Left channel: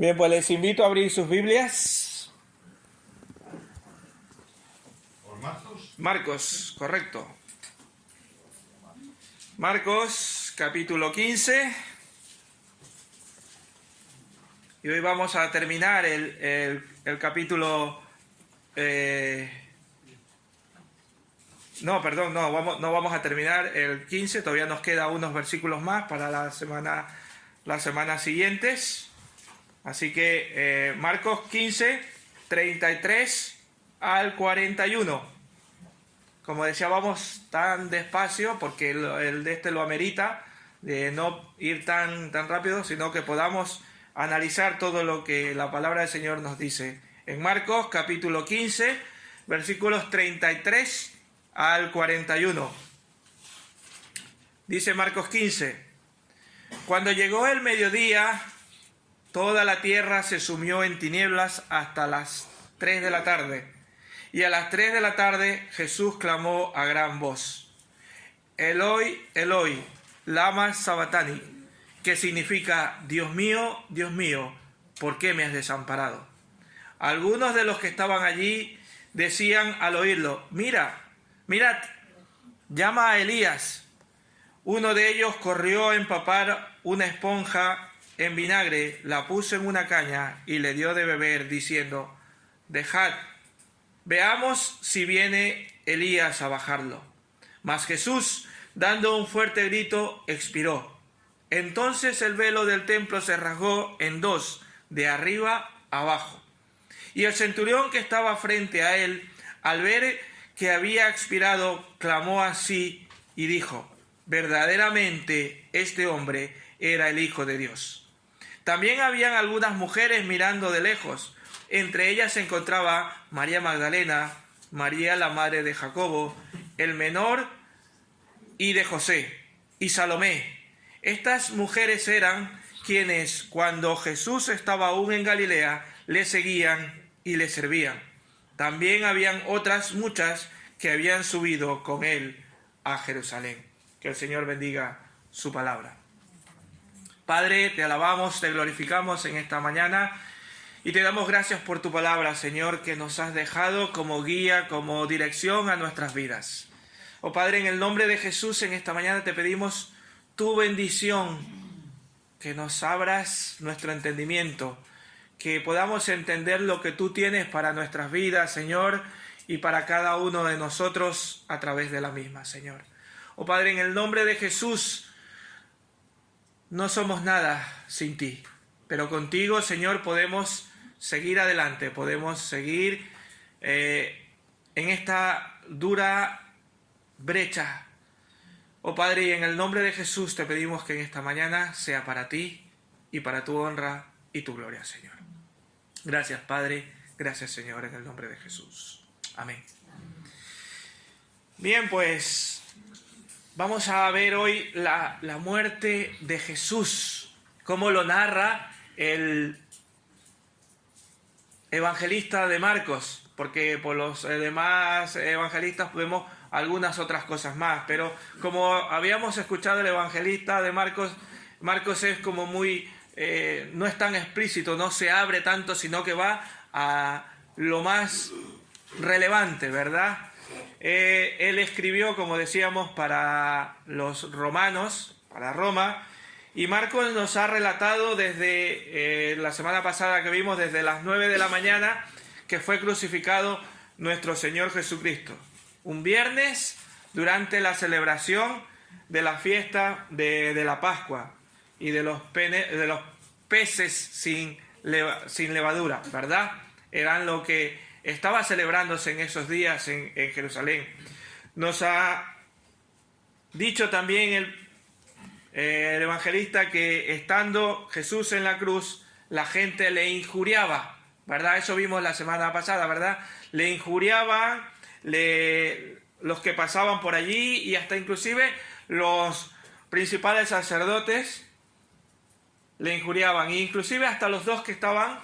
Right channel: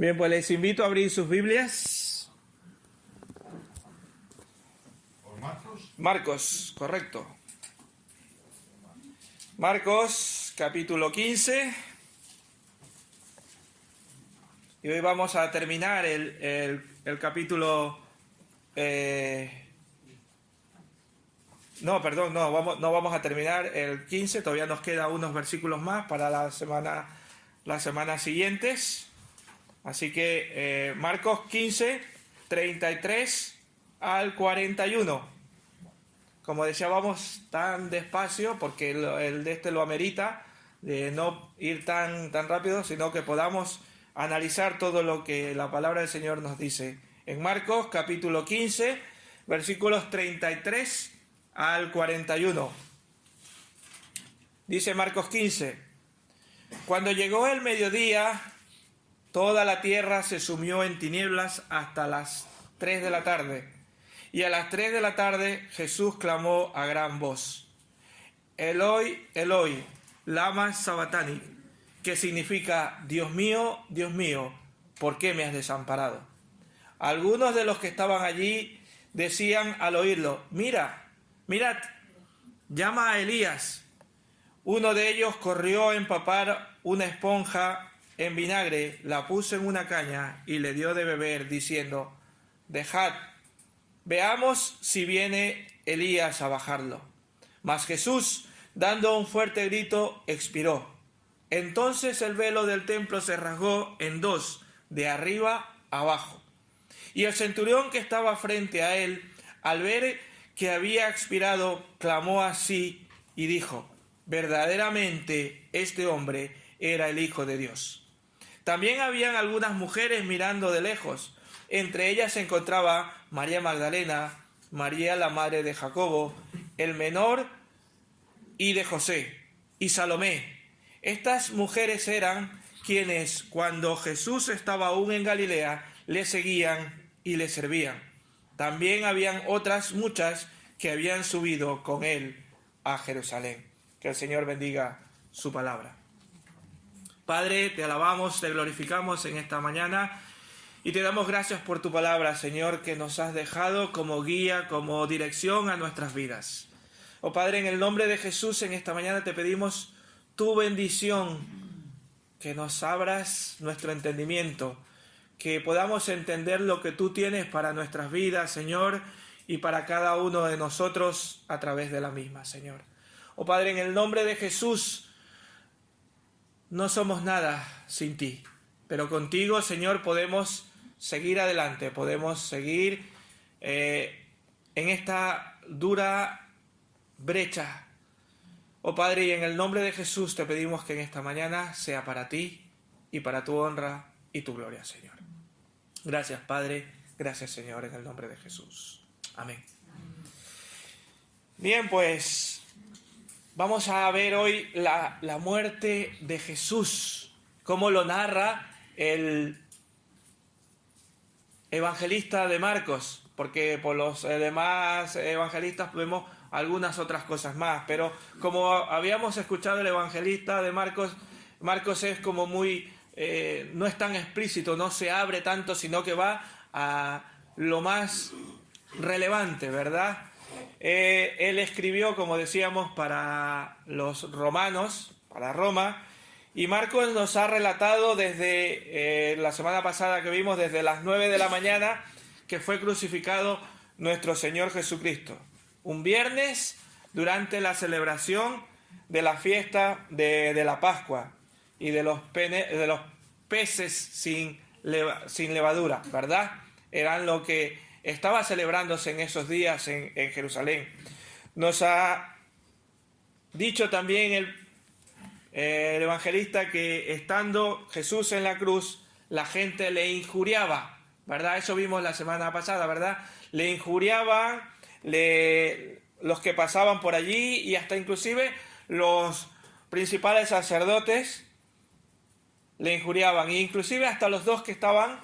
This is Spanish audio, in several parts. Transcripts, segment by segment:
Bien, pues les invito a abrir sus Biblias. Marcos, correcto. Marcos, capítulo 15. Y hoy vamos a terminar el capítulo... No vamos a terminar el 15. Todavía nos quedan unos versículos más para las semanas siguientes. Así que Marcos 15, 33 al 41. Como decía, vamos tan despacio porque el de este lo amerita, de no ir tan rápido, sino que podamos analizar todo lo que la palabra del Señor nos dice. En Marcos capítulo 15, versículos 33 al 41. Dice Marcos 15: Cuando llegó el mediodía, toda la tierra se sumió en tinieblas hasta las 3 de la tarde. Y a las 3 de la tarde Jesús clamó a gran voz: Eloi, Eloi, lama sabactani, que significa: Dios mío, ¿por qué me has desamparado? Algunos de los que estaban allí decían al oírlo: mirad, llama a Elías. Uno de ellos corrió a empapar una esponja en vinagre, la puso en una caña y le dio de beber, diciendo: dejad, veamos si viene Elías a bajarlo. Mas Jesús, dando un fuerte grito, expiró. Entonces el velo del templo se rasgó en dos, de arriba abajo. Y el centurión que estaba frente a él, al ver que había expirado, clamó así y dijo: verdaderamente este hombre era el Hijo de Dios. También habían algunas mujeres mirando de lejos. Entre ellas se encontraba María Magdalena, María la madre de Jacobo, el menor, y de José, y Salomé. Estas mujeres eran quienes, cuando Jesús estaba aún en Galilea, le seguían y le servían. También habían otras muchas que habían subido con él a Jerusalén. Que el Señor bendiga su palabra. Padre, te alabamos, te glorificamos en esta mañana y te damos gracias por tu palabra, Señor, que nos has dejado como guía, como dirección a nuestras vidas. Oh Padre, en el nombre de Jesús, en esta mañana te pedimos tu bendición, que nos abras nuestro entendimiento, que podamos entender lo que tú tienes para nuestras vidas, Señor, y para cada uno de nosotros a través de la misma, Señor. Oh Padre, en el nombre de Jesús, no somos nada sin ti, pero contigo, Señor, podemos seguir adelante, podemos seguir en esta dura brecha. Oh Padre, y en el nombre de Jesús te pedimos que en esta mañana sea para ti y para tu honra y tu gloria, Señor. Gracias, Padre, gracias, Señor, en el nombre de Jesús. Amén. Bien, pues vamos a ver hoy la muerte de Jesús, cómo lo narra el evangelista de Marcos, porque por los demás evangelistas vemos algunas otras cosas más, pero como habíamos escuchado el evangelista de Marcos, Marcos es como muy, no es tan explícito, no se abre tanto, sino que va a lo más relevante, ¿verdad? Él escribió, como decíamos, para los romanos, para Roma, y Marcos nos ha relatado desde la semana pasada que vimos, desde las 9 de la mañana, que fue crucificado nuestro Señor Jesucristo. Un viernes, durante la celebración de la fiesta de la Pascua y de los peces sin levadura, ¿verdad? Eran lo que estaba celebrándose en esos días en Jerusalén. Nos ha dicho también el evangelista que estando Jesús en la cruz, la gente le injuriaba, ¿verdad? Eso vimos la semana pasada, ¿verdad? Le injuriaban los que pasaban por allí y hasta inclusive los principales sacerdotes le injuriaban, inclusive hasta los dos que estaban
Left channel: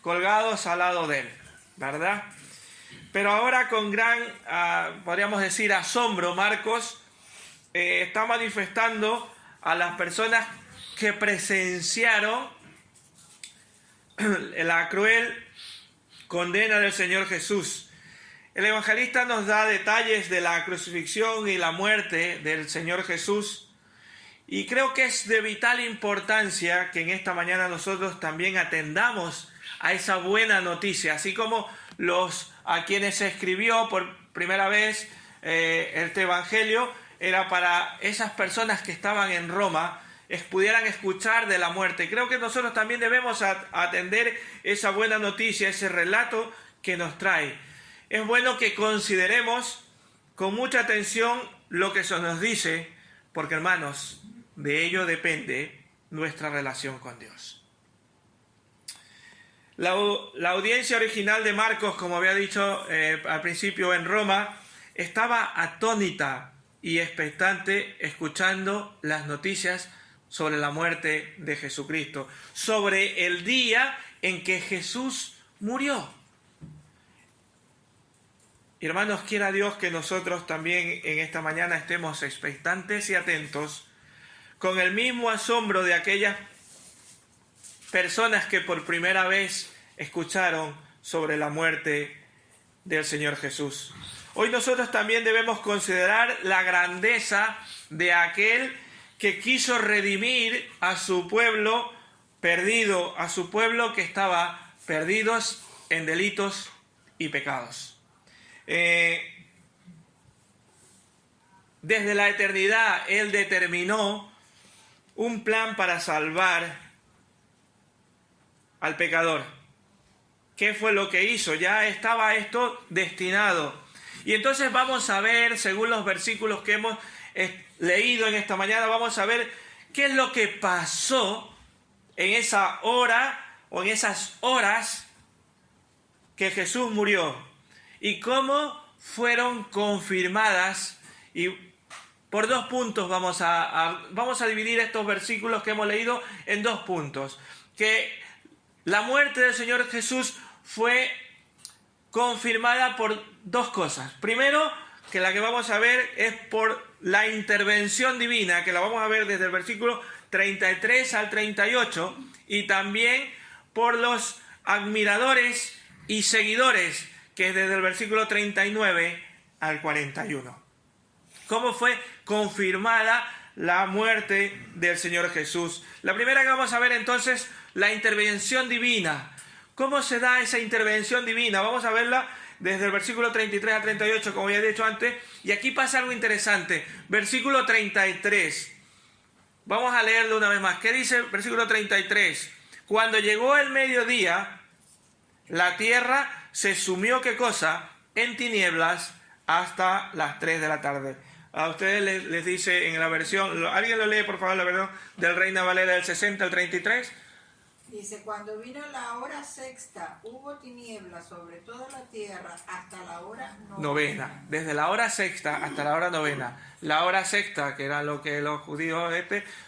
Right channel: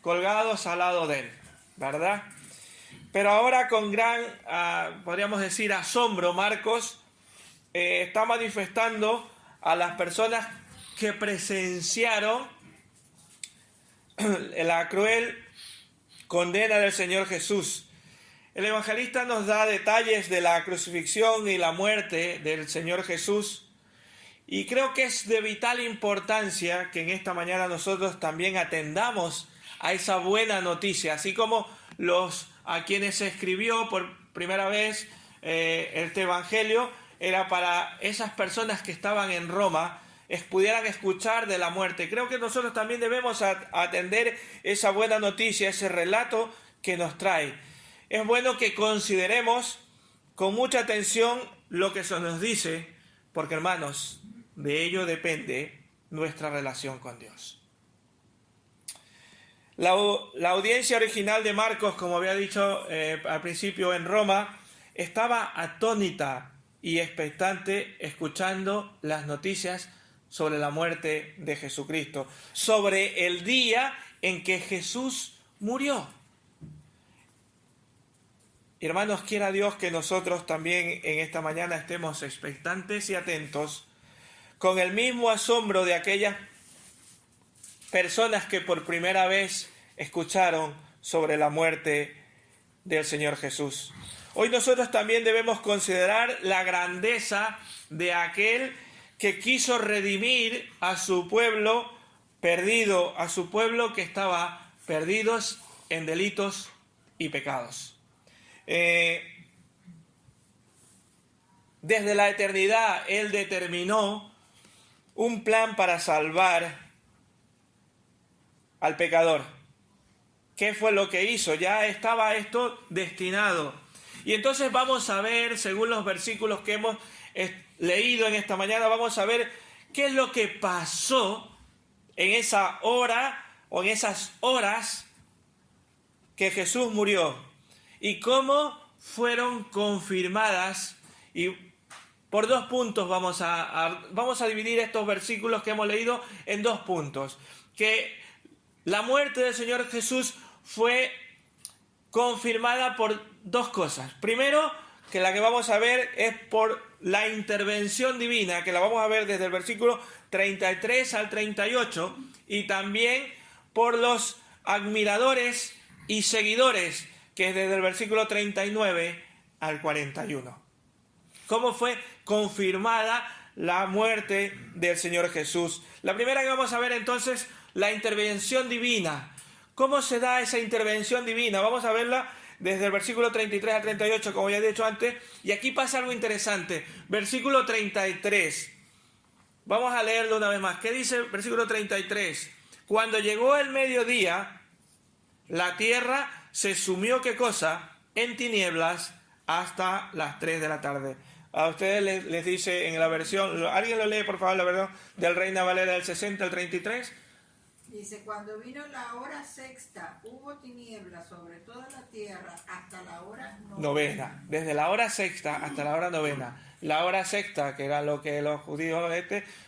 colgados al lado de él, ¿verdad? Pero ahora con gran, podríamos decir, asombro, Marcos está manifestando a las personas que presenciaron la cruel condena del Señor Jesús. El evangelista nos da detalles de la crucifixión y la muerte del Señor Jesús, y creo que es de vital importancia que en esta mañana nosotros también atendamos a esa buena noticia, así como a quienes se escribió por primera vez este evangelio, era para esas personas que estaban en Roma, pudieran escuchar de la muerte. Creo que nosotros también debemos atender esa buena noticia, ese relato que nos trae. Es bueno que consideremos con mucha atención lo que se nos dice, porque hermanos, de ello depende nuestra relación con Dios. La audiencia original de Marcos, como había dicho al principio en Roma, estaba atónita y expectante escuchando las noticias sobre la muerte de Jesucristo, sobre el día en que Jesús murió. Hermanos, quiera Dios que nosotros también en esta mañana estemos expectantes y atentos con el mismo asombro de aquellas personas que por primera vez escucharon sobre la muerte del Señor Jesús. Hoy nosotros también debemos considerar la grandeza de aquel que quiso redimir a su pueblo perdido, a su pueblo que estaba perdidos en delitos y pecados. Desde la eternidad Él determinó un plan para salvar al pecador. ¿Qué fue lo que hizo? Ya estaba esto destinado. Y entonces vamos a ver, según los versículos que hemos leído en esta mañana, vamos a ver qué es lo que pasó en esa hora o en esas horas que Jesús murió y cómo fueron confirmadas. Y por 2 puntos vamos a dividir estos versículos que hemos leído en 2 puntos. Que la muerte del Señor Jesús fue confirmada por 2 cosas. Primero, que la que vamos a ver es por la intervención divina, que la vamos a ver desde el versículo 33 al 38, y también por los admiradores y seguidores, que es desde el versículo 39 al 41. ¿Cómo fue confirmada la muerte del Señor Jesús? La primera que vamos a ver entonces, la intervención divina. ¿Cómo se da esa intervención divina? Vamos a verla desde el versículo 33 al 38, como ya he dicho antes, y aquí pasa algo interesante. Versículo 33. Vamos a leerlo una vez más. ¿Qué dice el versículo 33? Cuando llegó el mediodía, la tierra se sumió, ¿qué cosa? En tinieblas hasta las 3 de la tarde. A ustedes les dice en la versión, ¿alguien lo lee por favor la versión del Reina Valera del 60 al 33? Dice, cuando vino la hora sexta, hubo tinieblas sobre toda la tierra hasta la hora novena. Desde la hora sexta hasta la hora novena. La hora sexta, que era lo que los judíos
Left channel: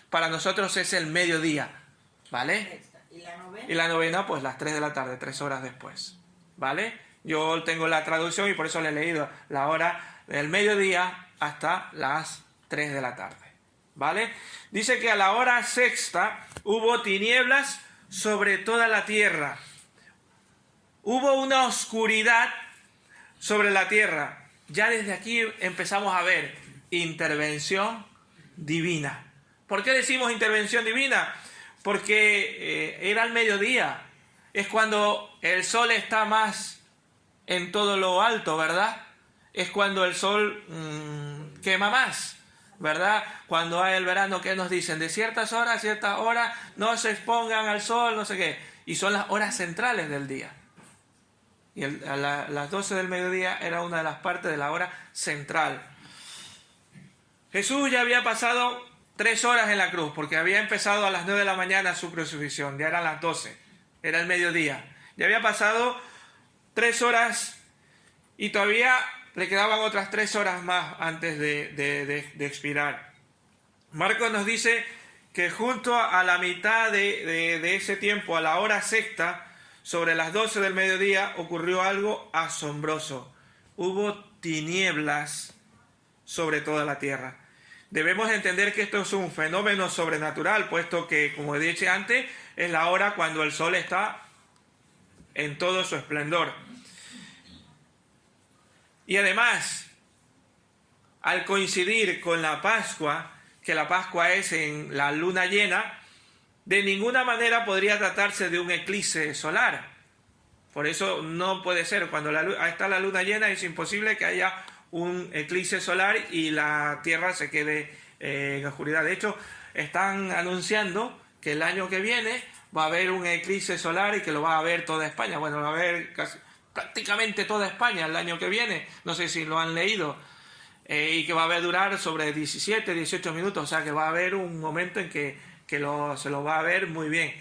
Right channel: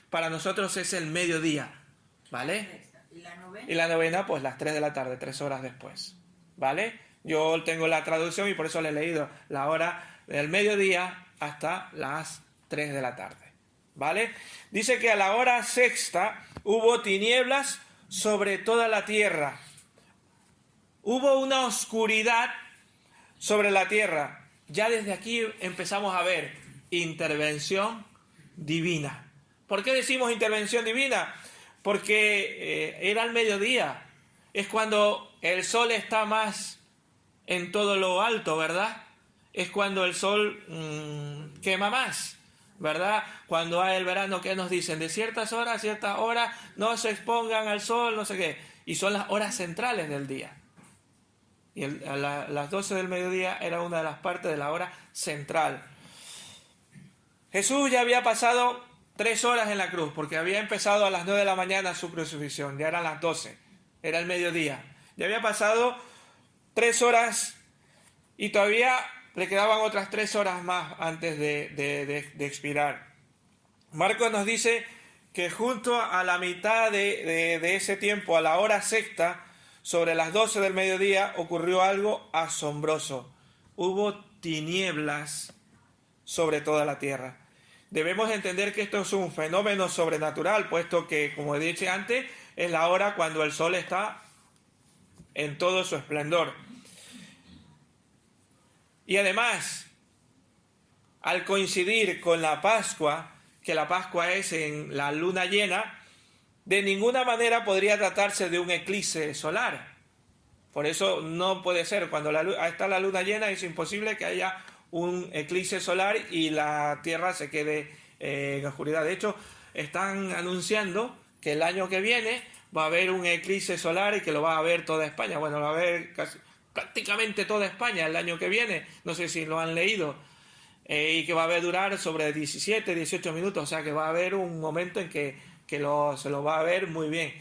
para nosotros es el mediodía, ¿vale? Y la novena, pues las 3 de la tarde, 3 horas después, ¿vale? Yo tengo la traducción y por eso le he leído la hora del mediodía hasta las 3 de la tarde, ¿vale? Dice que a la hora sexta hubo tinieblas sobre toda la tierra. Hubo una oscuridad sobre la tierra. Ya desde aquí empezamos a ver intervención divina. ¿Por qué decimos intervención divina? Porque era el mediodía. Es cuando el sol está más en todo lo alto, ¿verdad? Es cuando el sol quema más, ¿verdad? Cuando hay el verano, ¿qué nos dicen? De ciertas horas a ciertas horas no se expongan al sol, no sé qué. Y son las horas centrales del día. Y las 12 del mediodía era una de las partes de la hora central. Jesús ya había pasado 3 horas en la cruz, porque había empezado a las 9 de la mañana su crucifixión. Ya eran las 12, era el mediodía. Ya había pasado 3 horas y todavía le quedaban otras 3 horas más antes de expirar. Marcos nos dice que junto a la mitad de ese tiempo, a la hora sexta, sobre las 12 del mediodía, ocurrió algo asombroso. Hubo tinieblas sobre toda la tierra. Debemos entender que esto es un fenómeno sobrenatural, puesto que, como he dicho antes, es la hora cuando el sol está en todo su esplendor. Y además, al coincidir con la Pascua, que la Pascua es en la luna llena, de ninguna manera podría tratarse de un eclipse solar. Por eso no puede ser. Cuando está la luna llena es imposible que haya un eclipse solar y la Tierra se quede en oscuridad. De hecho, están anunciando que el año que viene va a haber un eclipse solar y que lo va a ver toda España. Bueno, lo va a ver prácticamente toda España el año que viene. No sé si lo han leído. Y que va a durar sobre 17, 18 minutos. O sea, que va a haber un momento en que se lo va a ver muy bien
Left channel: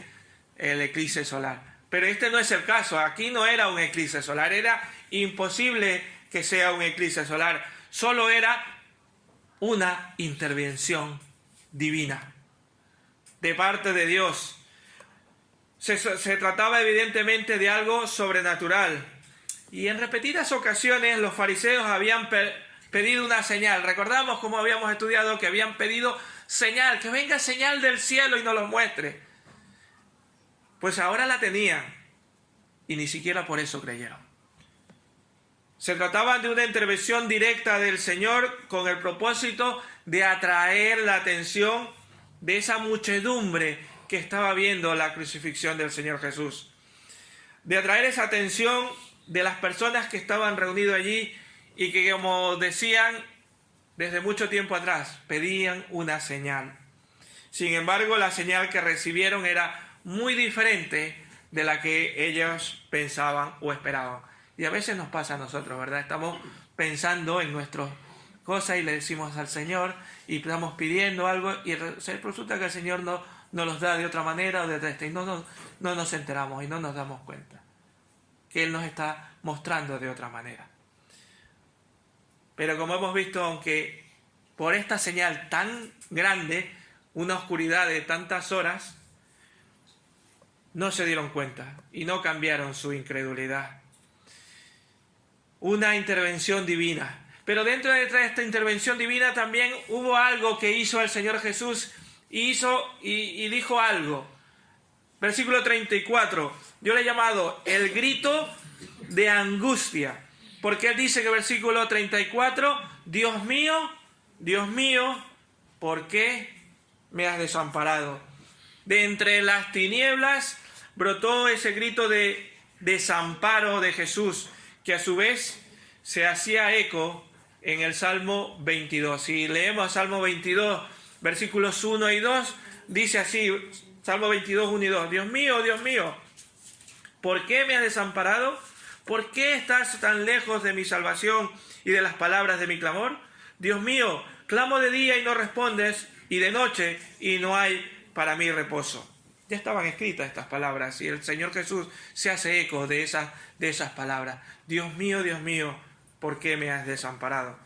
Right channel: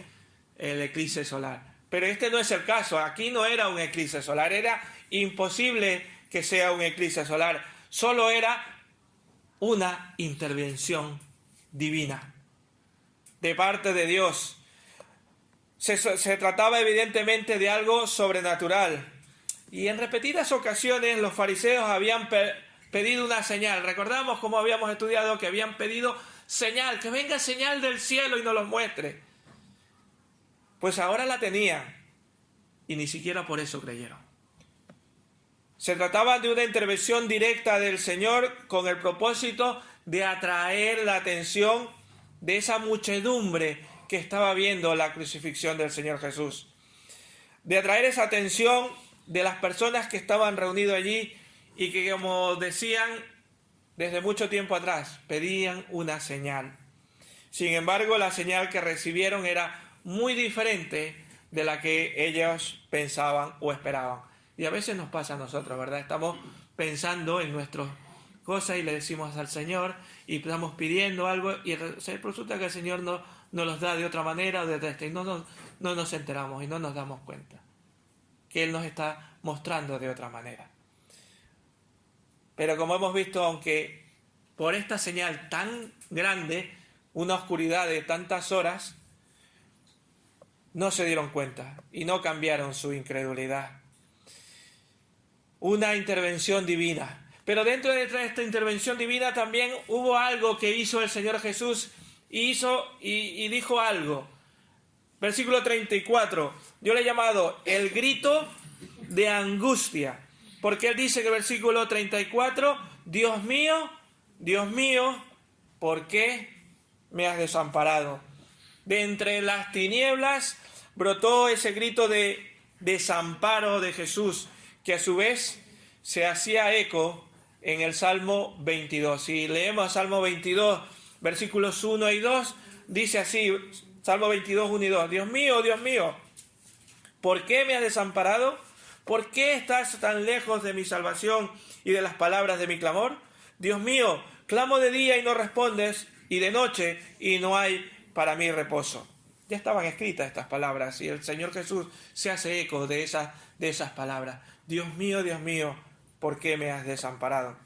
el eclipse solar. Pero este no es el caso. Aquí no era un eclipse solar. Era imposible que sea un eclipse solar. Solo era una intervención divina de parte de Dios. Se trataba evidentemente de algo sobrenatural. Y en repetidas ocasiones los fariseos habían pedido una señal. Recordamos cómo habíamos estudiado que habían pedido señal, que venga señal del cielo y nos lo muestre. Pues ahora la tenían y ni siquiera por eso creyeron. Se trataba de una intervención directa del Señor con el propósito de atraer la atención de esa muchedumbre que estaba viendo la crucifixión del Señor Jesús. De atraer esa atención de las personas que estaban reunidas allí y que, como decían desde mucho tiempo atrás, pedían una señal. Sin embargo, la señal que recibieron era muy diferente de la que ellos pensaban o esperaban. Y a veces nos pasa a nosotros, ¿verdad? Estamos pensando en nuestras cosas y le decimos al Señor y estamos pidiendo algo y resulta que el Señor no los da de otra manera o de otra, y no nos enteramos y no nos damos cuenta que Él nos está mostrando de otra manera. Pero como hemos visto, aunque por esta señal tan grande, una oscuridad de tantas horas, no se dieron cuenta y no cambiaron su incredulidad. Una intervención divina. Pero dentro de esta intervención divina también hubo algo que hizo el Señor Jesús y dijo algo. Versículo 34. Yo le he llamado el grito de angustia. Porque Él dice que versículo 34, Dios mío, ¿por qué me has desamparado? De entre las tinieblas brotó ese grito de desamparo de Jesús, que a su vez se hacía eco en el Salmo 22. Si leemos Salmo 22, versículos 1 y 2, dice así, Salmo 22, 1 y 2, Dios mío, ¿por qué me has desamparado? ¿Por qué estás tan lejos de mi salvación y de las palabras de mi clamor? Dios mío, clamo de día y no respondes, y de noche y no hay para mí reposo. Ya estaban escritas estas palabras y el Señor Jesús se hace eco de esas palabras. Dios mío, ¿por qué me has desamparado?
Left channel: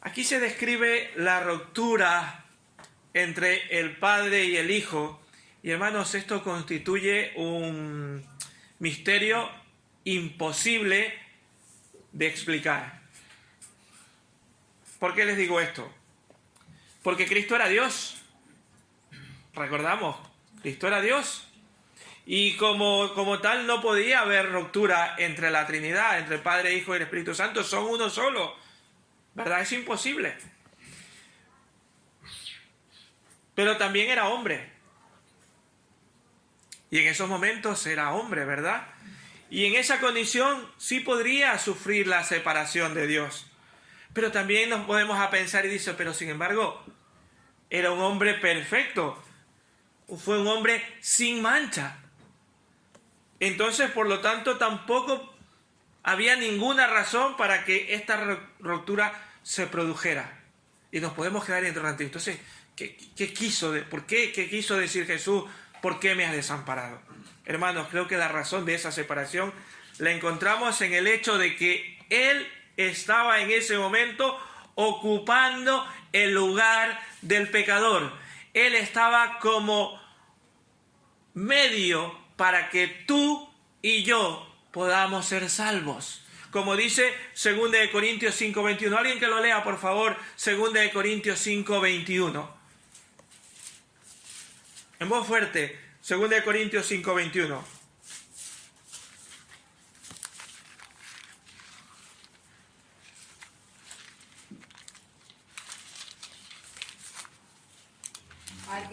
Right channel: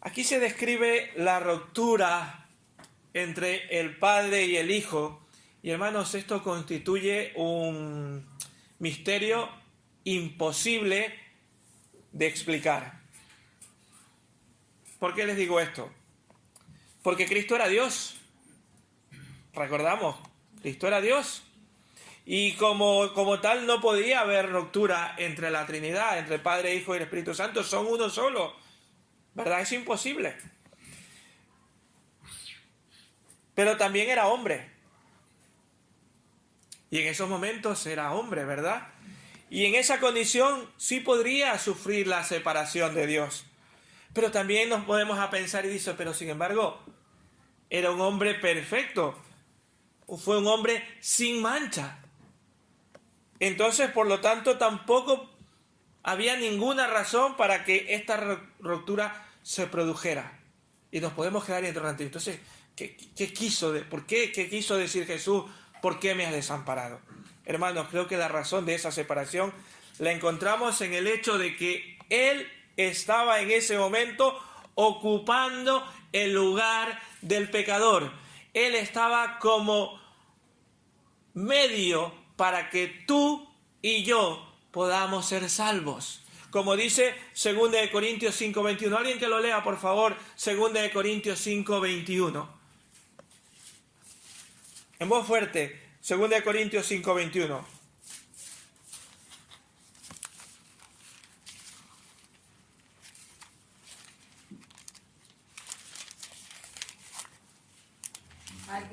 Aquí se describe la ruptura entre el Padre y el Hijo. Y hermanos, esto constituye un misterio imposible de explicar. ¿Por qué les digo esto? Porque Cristo era Dios. Recordamos, Cristo era Dios. Y como tal no podía haber ruptura entre la Trinidad, entre el Padre, Hijo y el Espíritu Santo. Son uno solo. ¿Verdad? Es imposible. Pero también era hombre. Y en esos momentos era hombre, ¿verdad? Y en esa condición sí podría sufrir la separación de Dios. Pero también nos podemos a pensar y dice, pero sin embargo, era un hombre perfecto. Fue un hombre sin mancha. Entonces, por lo tanto, tampoco había ninguna razón para que esta ruptura se produjera. Y nos podemos quedar interrogantes. Entonces, ¿qué quiso decir Jesús? ¿Por qué me has desamparado? Hermanos, creo que la razón de esa separación la encontramos en el hecho de que Él estaba en ese momento ocupando el lugar del pecador. Él estaba como medio para que tú y yo podamos ser salvos. Como dice 2 Corintios 5:21. Alguien que lo lea, por favor, 2 Corintios 5:21. En voz fuerte, 2 Corintios 5:21.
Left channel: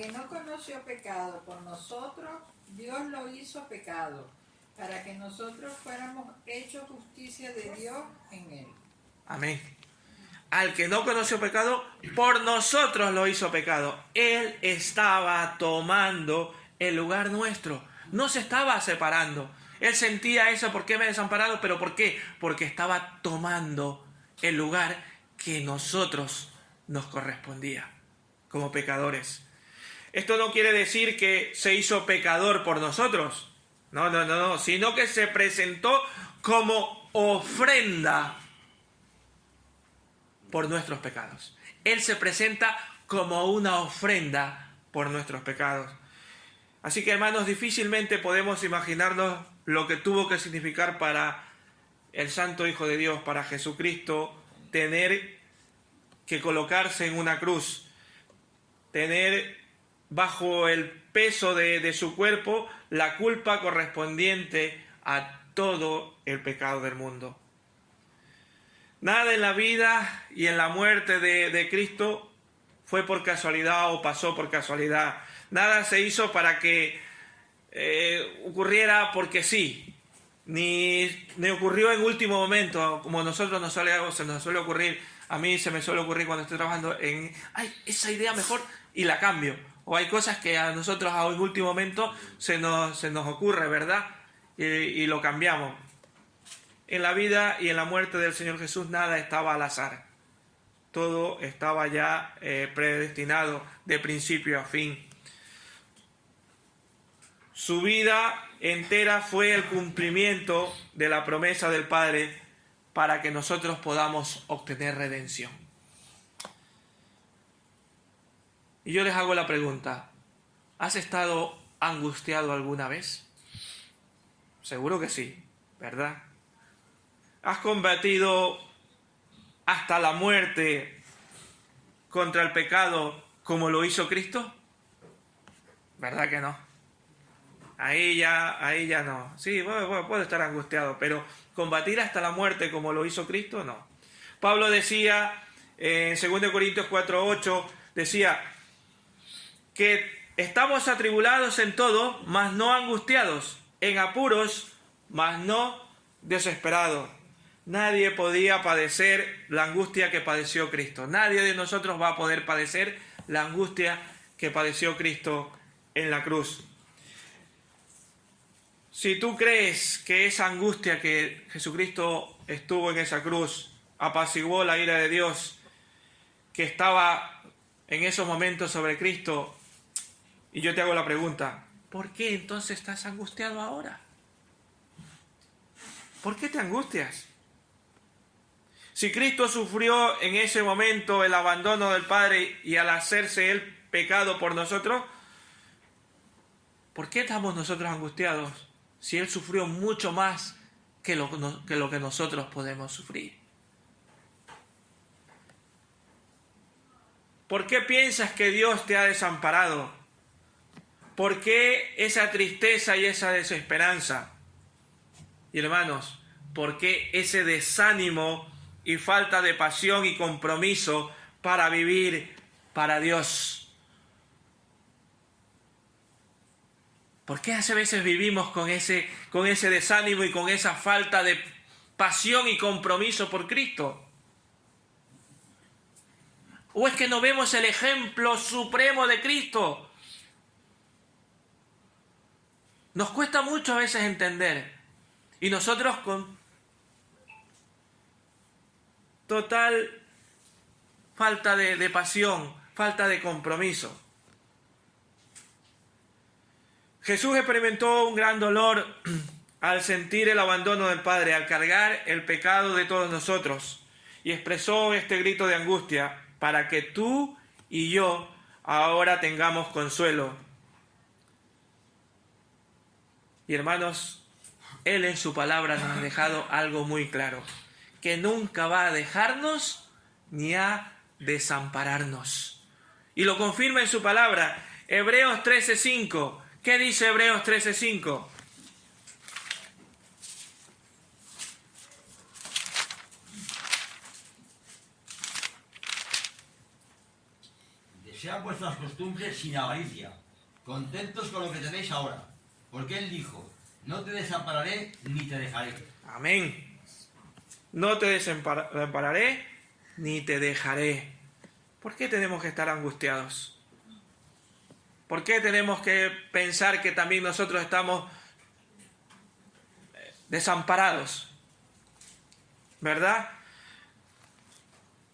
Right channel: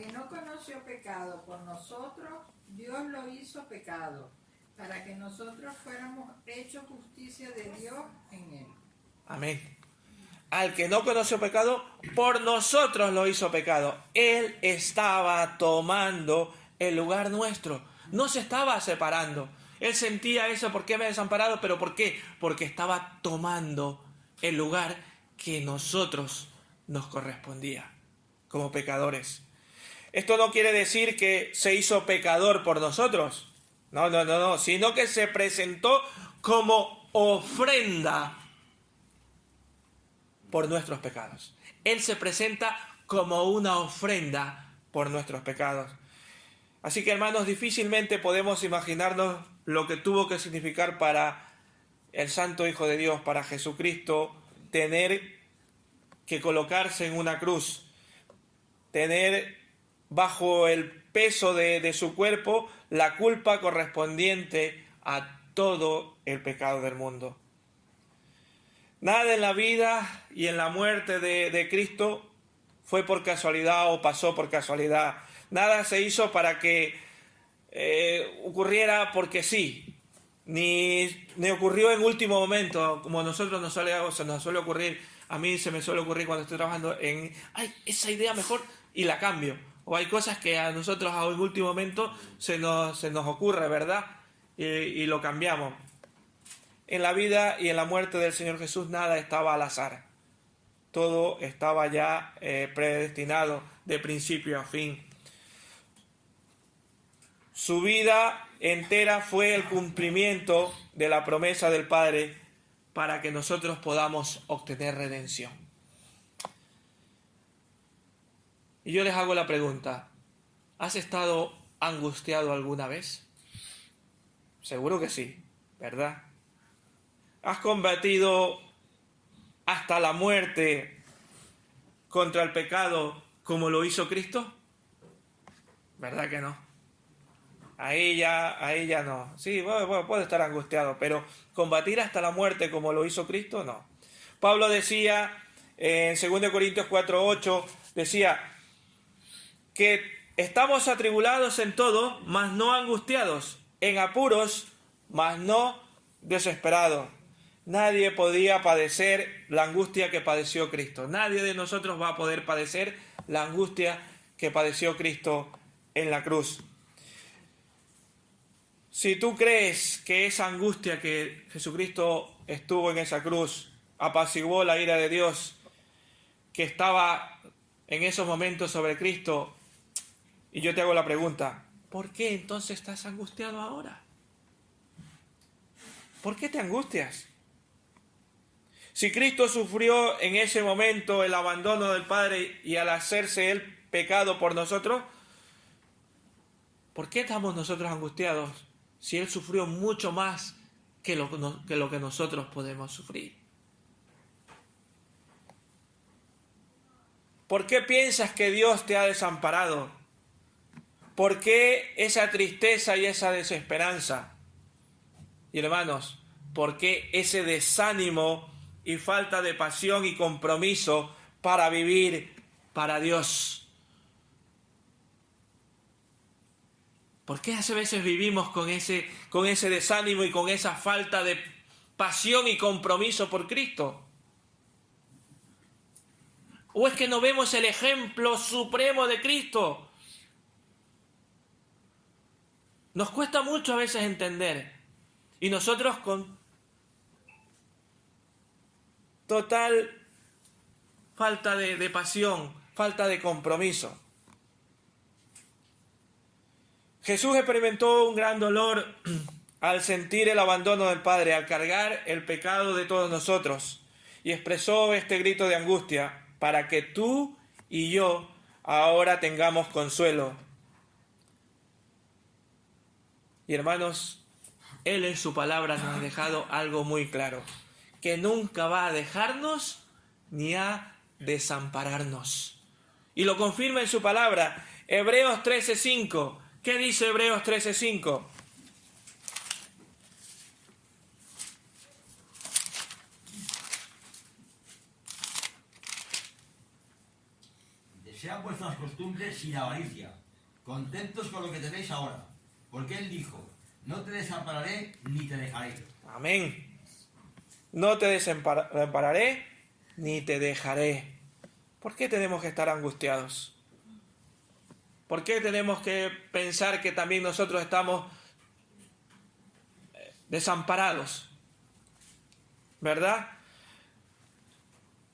que no conoció pecado por nosotros, Dios lo hizo pecado, para que nosotros fuéramos hechos justicia de Dios en él. Amén. Al que no conoció pecado, por nosotros lo hizo pecado. Él estaba tomando el lugar nuestro. No se estaba separando. Él sentía eso, ¿por qué me he desamparado? ¿Pero por qué? Porque estaba tomando el lugar que nosotros nos correspondía como pecadores. Esto no quiere decir que se hizo pecador por nosotros. No, sino que se presentó como ofrenda por nuestros pecados. Él se presenta como una ofrenda por nuestros pecados. Así que, hermanos, difícilmente podemos imaginarnos lo que tuvo que significar para el Santo Hijo de Dios, para Jesucristo, tener que colocarse en una cruz, tener bajo el peso de su cuerpo la culpa correspondiente a todo el pecado del mundo. Nada en la vida y en la muerte de Cristo fue por casualidad o pasó por casualidad. Nada se hizo para que ocurriera porque sí. Ni ocurrió en último momento, como nosotros se nos suele ocurrir. A mí se me suele ocurrir cuando estoy trabajando en, esa idea mejor y la cambio. O hay cosas que a nosotros en último momento se nos ocurre, ¿verdad? Y lo cambiamos. En la vida y en la muerte del Señor Jesús nada estaba al azar. Todo estaba ya predestinado de principio a fin. Su vida entera fue el cumplimiento de la promesa del Padre para que nosotros podamos obtener redención. Y yo les hago la pregunta, ¿has estado angustiado alguna vez? Seguro que sí, ¿verdad? ¿Has combatido hasta la muerte contra el pecado como lo hizo Cristo? ¿Verdad que no? Ahí ya no. Sí, puedo estar angustiado, pero combatir hasta la muerte como lo hizo Cristo, no. Pablo decía en 2 Corintios 4:8, decía que estamos atribulados en todo, mas no angustiados, en apuros, mas no desesperados. Nadie podía padecer la angustia que padeció Cristo. Nadie de nosotros va a poder padecer la angustia que padeció Cristo en la cruz. Si tú crees que esa angustia que Jesucristo estuvo en esa cruz apaciguó la ira de Dios que estaba en esos momentos sobre Cristo, y yo te hago la pregunta, ¿por qué entonces estás angustiado ahora? ¿Por qué te angustias? Si Cristo sufrió en ese momento el abandono del Padre y al hacerse Él pecado por nosotros, ¿por qué estamos nosotros angustiados si Él sufrió mucho más que lo que nosotros podemos sufrir? ¿Por qué piensas que Dios te ha desamparado? ¿Por qué esa tristeza y esa desesperanza? Y hermanos, ¿por qué ese desánimo y falta de pasión y compromiso para vivir para Dios? ¿Por qué hace veces vivimos con ese desánimo y con esa falta de pasión y compromiso por Cristo? ¿O es que no vemos el ejemplo supremo de Cristo? Nos cuesta mucho a veces entender. Y nosotros con total falta de pasión, falta de compromiso. Jesús experimentó un gran dolor al sentir el abandono del Padre, al cargar el pecado de todos nosotros, y expresó este grito de angustia para que tú y yo ahora tengamos consuelo. Y hermanos, Él en su palabra nos ha dejado algo muy claro, que nunca va a dejarnos ni a desampararnos. Y lo confirma en su palabra, Hebreos 13:5. ¿Qué dice Hebreos 13:5? sean vuestras costumbres sin avaricia, contentos con lo que tenéis ahora, porque Él dijo, no te desampararé ni te dejaré. Amén. No te desampararé ni te dejaré. ¿Por qué tenemos que estar angustiados? ¿Por qué tenemos que pensar que también nosotros estamos desamparados? ¿Verdad?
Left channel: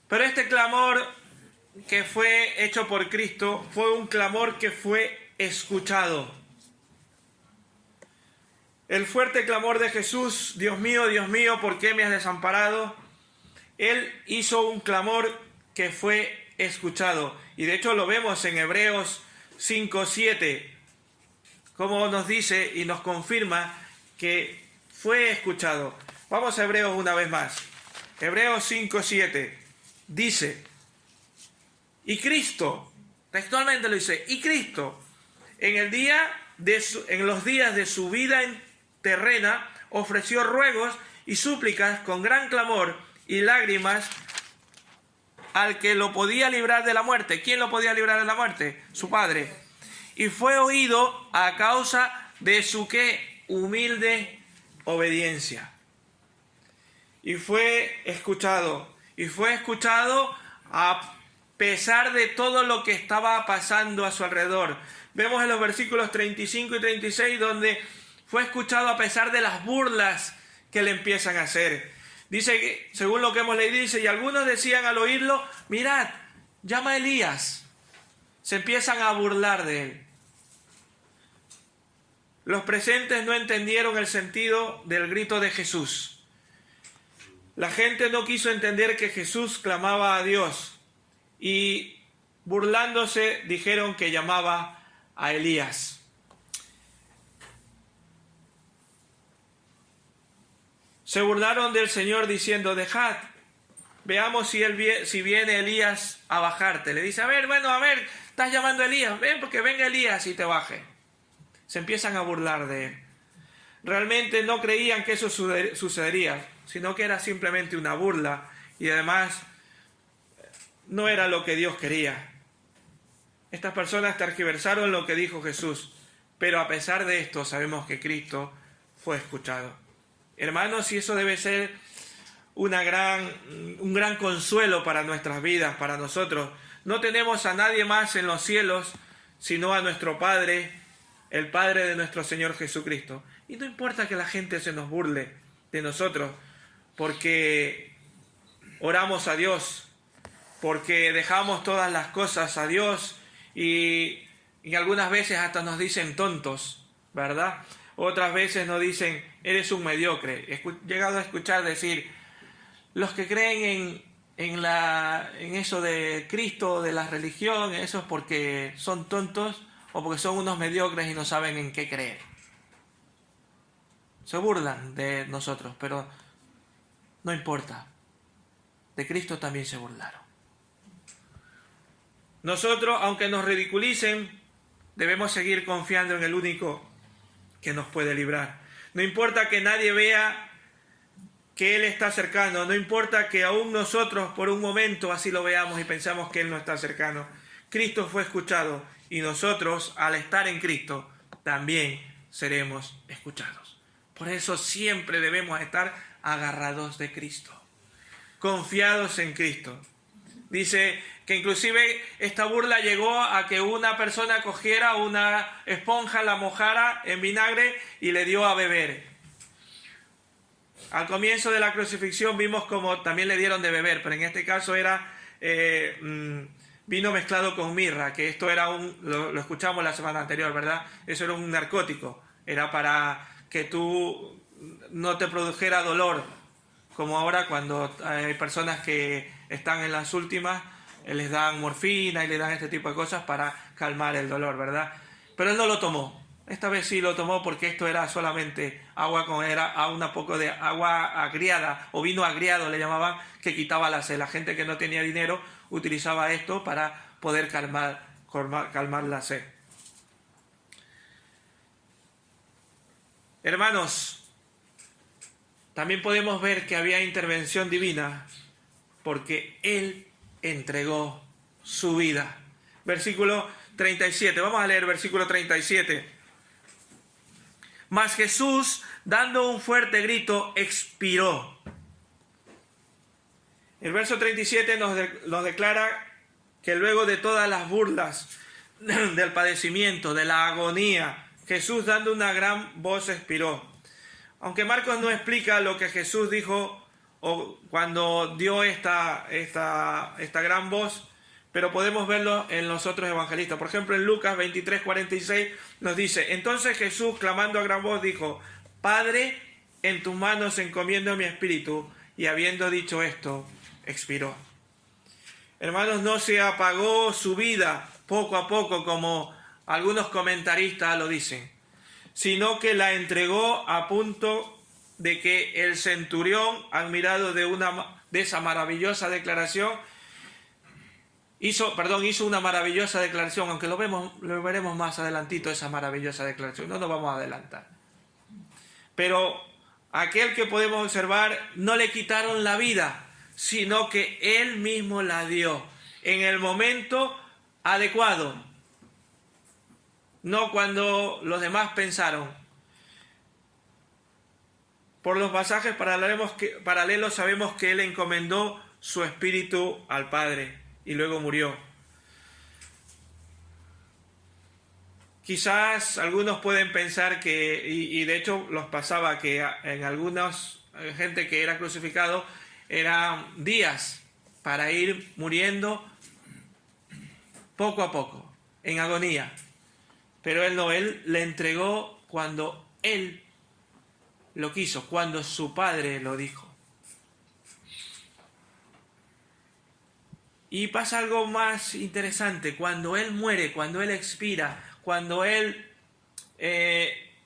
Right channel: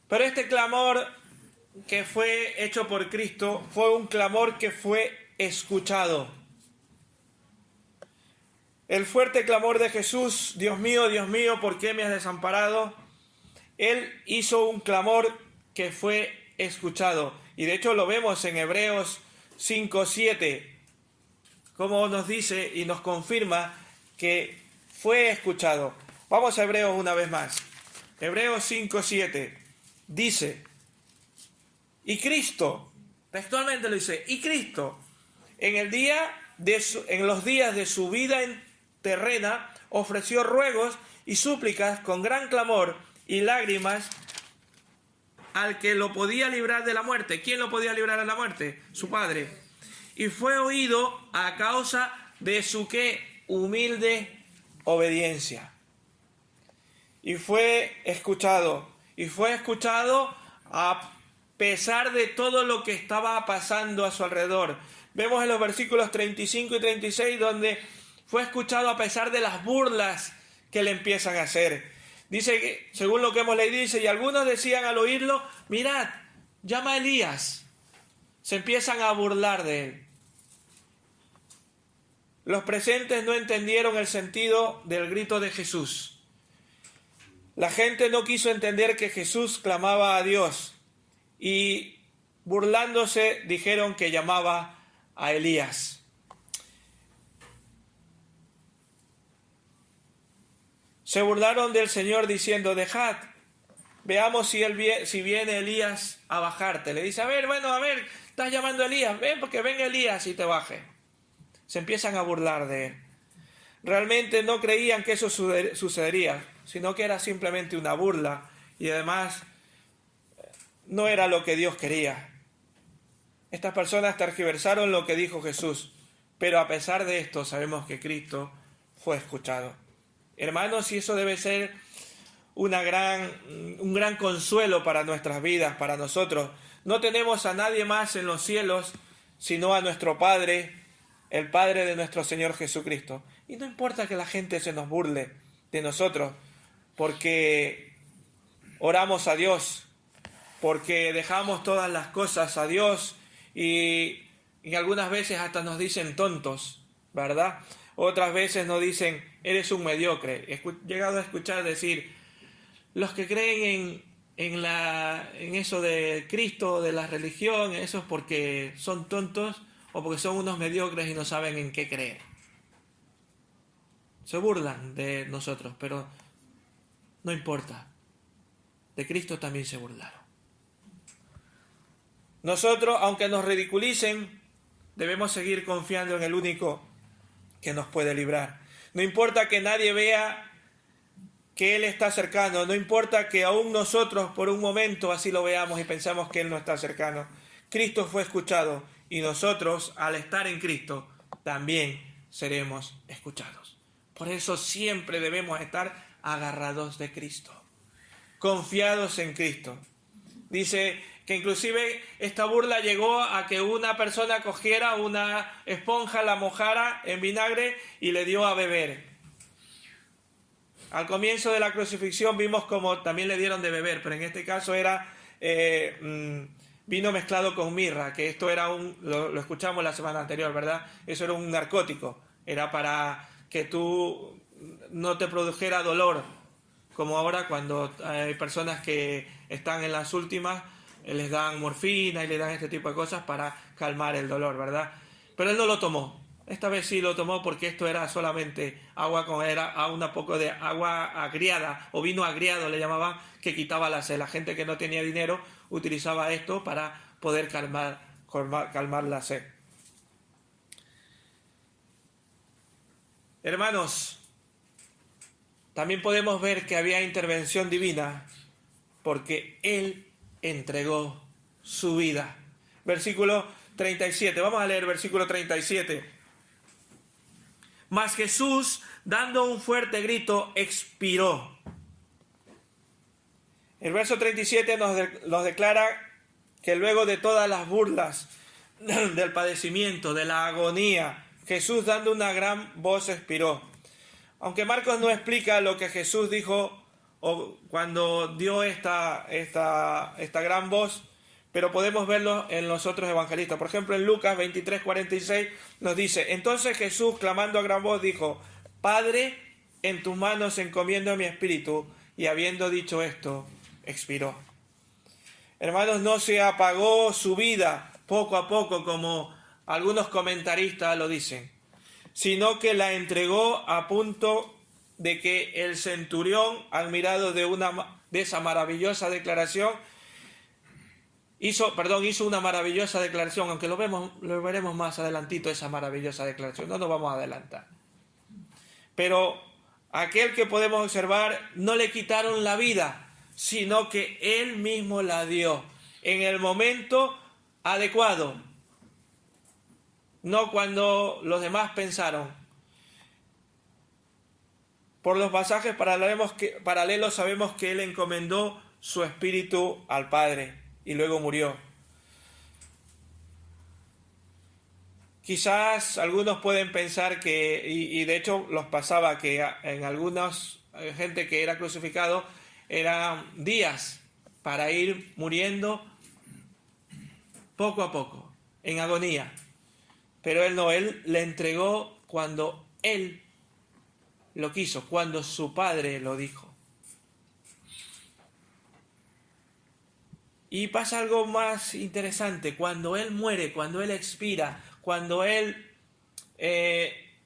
Pero este clamor que fue hecho por Cristo fue un clamor que fue escuchado. El fuerte clamor de Jesús, Dios mío, ¿por qué me has desamparado? Él hizo un clamor que fue escuchado. Y de hecho lo vemos en Hebreos 5:7, como nos dice y nos confirma que fue escuchado. Vamos a Hebreos una vez más. Hebreos 5:7 dice, y Cristo, textualmente lo dice, y Cristo, en los días de su vida terrena, ofreció ruegos y súplicas con gran clamor y lágrimas al que lo podía librar de la muerte. ¿Quién lo podía librar de la muerte? Su Padre. Y fue oído a causa de su ¿qué? Humilde obediencia. Y fue escuchado. Y fue escuchado a pesar de todo lo que estaba pasando a su alrededor. Vemos en los versículos 35 y 36 donde fue escuchado a pesar de las burlas que le empiezan a hacer. Dice que, según lo que hemos leído, dice, y algunos decían al oírlo, mirad, llama a Elías. Se empiezan a burlar de él. Los presentes no entendieron el sentido del grito de Jesús. La gente no quiso entender que Jesús clamaba a Dios y burlándose dijeron que llamaba a Elías. Se burlaron del Señor diciendo, dejad, veamos si viene Elías a bajarte. Le dice, a ver, estás llamando a Elías, ven porque venga Elías y te baje. Se empiezan a burlar de él. Realmente no creían que eso sucedería, sino que era simplemente una burla y además no era lo que Dios quería. Estas personas tergiversaron lo que dijo Jesús, pero a pesar de esto sabemos que Cristo fue escuchado. Hermanos, y eso debe ser un gran consuelo para nuestras vidas, para nosotros. No tenemos a nadie más en los cielos, sino a nuestro Padre, el Padre de nuestro Señor Jesucristo. Y no importa que la gente se nos burle de nosotros, porque oramos a Dios, porque dejamos todas las cosas a Dios y algunas veces hasta nos dicen tontos, ¿verdad? Otras veces nos dicen, eres un mediocre. He llegado a escuchar decir, los que creen en eso de Cristo, de la religión, eso es porque son tontos o porque son unos mediocres y no saben en qué creer. Se burlan de nosotros, pero no importa. De Cristo también se burlaron. Nosotros, aunque nos ridiculicen, debemos seguir confiando en el único que nos puede librar. No importa que nadie vea que Él está cercano, no importa que aún nosotros por un momento así lo veamos y pensamos que Él no está cercano. Cristo fue escuchado y nosotros, al estar en Cristo, también seremos escuchados. Por eso siempre debemos estar agarrados de Cristo, confiados en Cristo. Dice que inclusive esta burla llegó a que una persona cogiera una esponja, la mojara en vinagre y le dio a beber. Al comienzo de la crucifixión vimos como también le dieron de beber, pero en este caso era vino mezclado con mirra, que esto era lo escuchamos la semana anterior, ¿verdad? Eso era un narcótico, era para que tú no te produjera dolor, como ahora cuando hay personas que están en las últimas, les dan morfina y le dan este tipo de cosas para calmar el dolor, ¿verdad? Pero él no lo tomó. Esta vez sí lo tomó porque esto era solamente agua un poco de agua agriada o vino agriado le llamaban, que quitaba la sed. La gente que no tenía dinero utilizaba esto para poder calmar la sed. Hermanos, también podemos ver que había intervención divina porque Él entregó su vida. versículo 37. Vamos a leer versículo 37. Mas Jesús, dando un fuerte grito, expiró. El verso 37 nos declara que luego de todas las burlas del padecimiento, de la agonía, Jesús, dando una gran voz, expiró. Aunque Marcos no explica lo que Jesús dijo o cuando dio esta gran voz, pero podemos verlo en los otros evangelistas. Por ejemplo, en Lucas 23:46 nos dice: entonces Jesús, clamando a gran voz, dijo: Padre, en tus manos encomiendo mi espíritu. Y habiendo dicho esto, expiró. Hermanos, no se apagó su vida poco a poco, como algunos comentaristas lo dicen, sino que la entregó a punto de que el centurión, admirado de esa maravillosa declaración, hizo una maravillosa declaración, aunque lo veremos más adelantito, esa maravillosa declaración, no nos vamos a adelantar. Pero aquel que podemos observar, no le quitaron la vida, sino que él mismo la dio en el momento adecuado, no cuando los demás pensaron. Por los pasajes paralelos sabemos que él encomendó su espíritu al Padre y luego murió. Quizás algunos pueden pensar que, y de hecho los pasaba, que en algunos gente que era crucificado eran días para ir muriendo poco a poco, en agonía. Pero él no, él le entregó cuando él lo quiso, cuando su Padre lo dijo. Y pasa algo más interesante: cuando él muere, cuando él expira, cuando él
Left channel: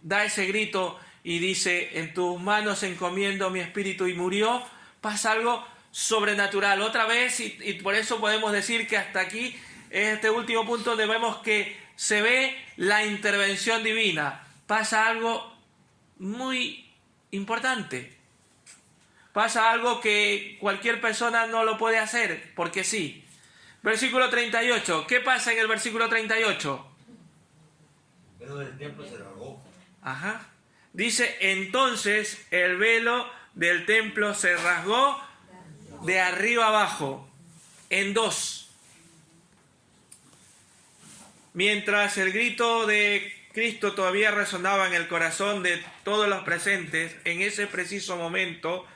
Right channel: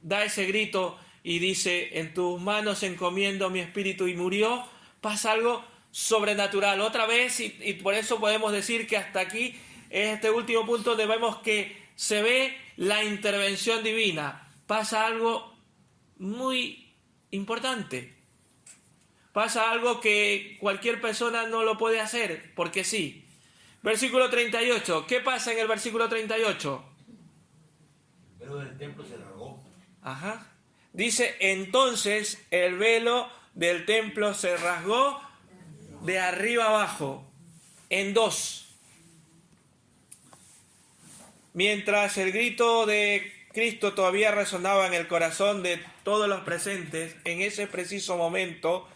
da ese grito y dice: en tus manos encomiendo mi espíritu, y murió, pasa algo sobrenatural otra vez, y por eso podemos decir que hasta aquí, en este último punto, donde vemos que se ve la intervención divina, pasa algo muy importante. Pasa algo que cualquier persona no lo puede hacer, porque sí. Versículo 38. ¿Qué pasa en el versículo 38? El velo del templo se rasgó. Ajá. Dice: entonces el velo del templo se rasgó de arriba abajo, en dos. Mientras el grito de Cristo todavía resonaba en el corazón de todos los presentes, en ese preciso momento,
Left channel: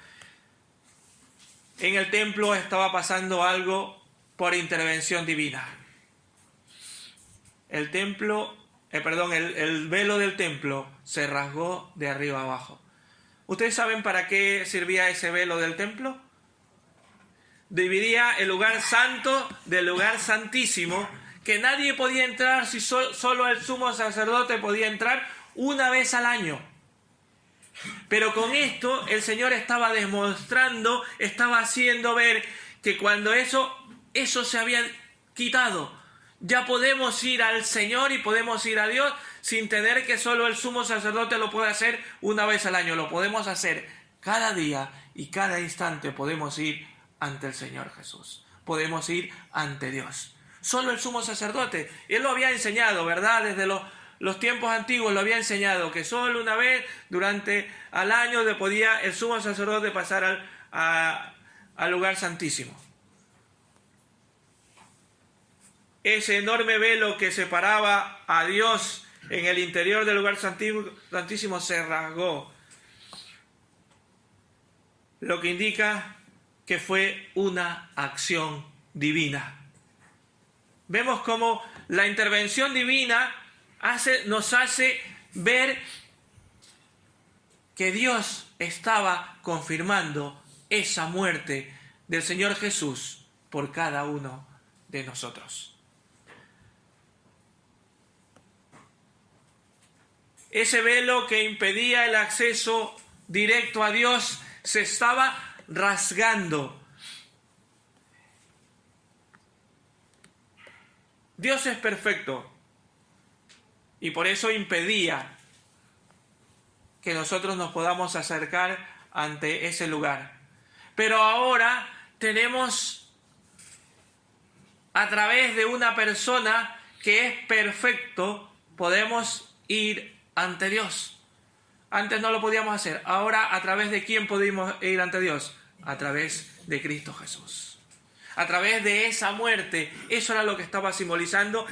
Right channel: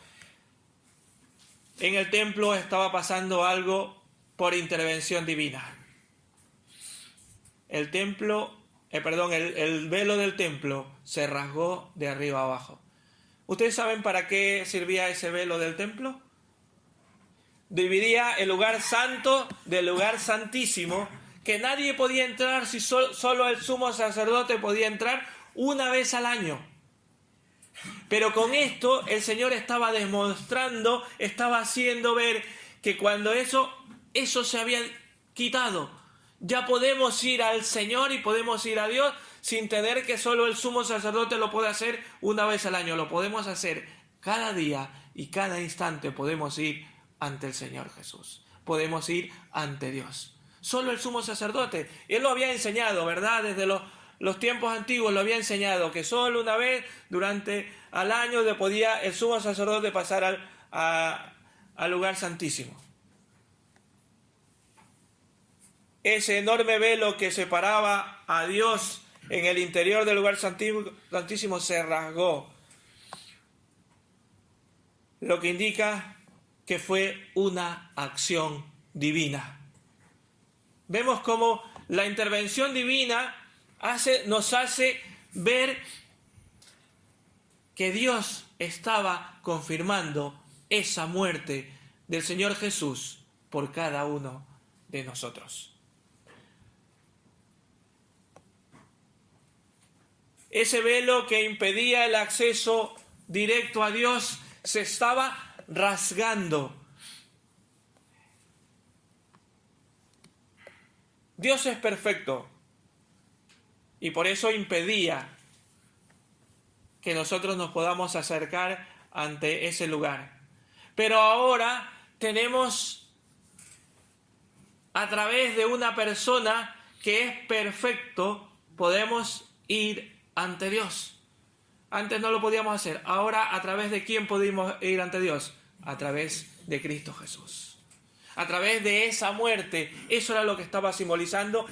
en el templo estaba pasando algo por intervención divina. El velo del templo se rasgó de arriba abajo. ¿Ustedes saben para qué servía ese velo del templo? Dividía el lugar santo del lugar santísimo, que nadie podía entrar, si solo el sumo sacerdote podía entrar una vez al año. Pero con esto el Señor estaba demostrando, estaba haciendo ver que cuando eso se había quitado, ya podemos ir al Señor y podemos ir a Dios sin tener que solo el sumo sacerdote lo puede hacer una vez al año. Lo podemos hacer cada día y cada instante. Podemos ir ante el Señor Jesús. Podemos ir ante Dios. Solo el sumo sacerdote. Él lo había enseñado, ¿verdad? Desde los tiempos antiguos lo había enseñado, que solo una vez durante al año podía el sumo sacerdote pasar al lugar santísimo. Ese enorme velo que separaba a Dios en el interior del lugar santísimo se rasgó, lo que indica que fue una acción divina. Vemos cómo la intervención divina nos hace ver que Dios estaba confirmando esa muerte del Señor Jesús por cada uno de nosotros. Ese velo que impedía el acceso directo a Dios se estaba rasgando. Dios es perfecto y por eso impedía que nosotros nos podamos acercar ante ese lugar. Pero ahora tenemos a través de una persona que es perfecto, podemos ir ante Dios. Antes no lo podíamos hacer. Ahora, ¿a través de quién podemos ir ante Dios? A través de Cristo Jesús. A través de esa muerte. Eso era lo que estaba simbolizando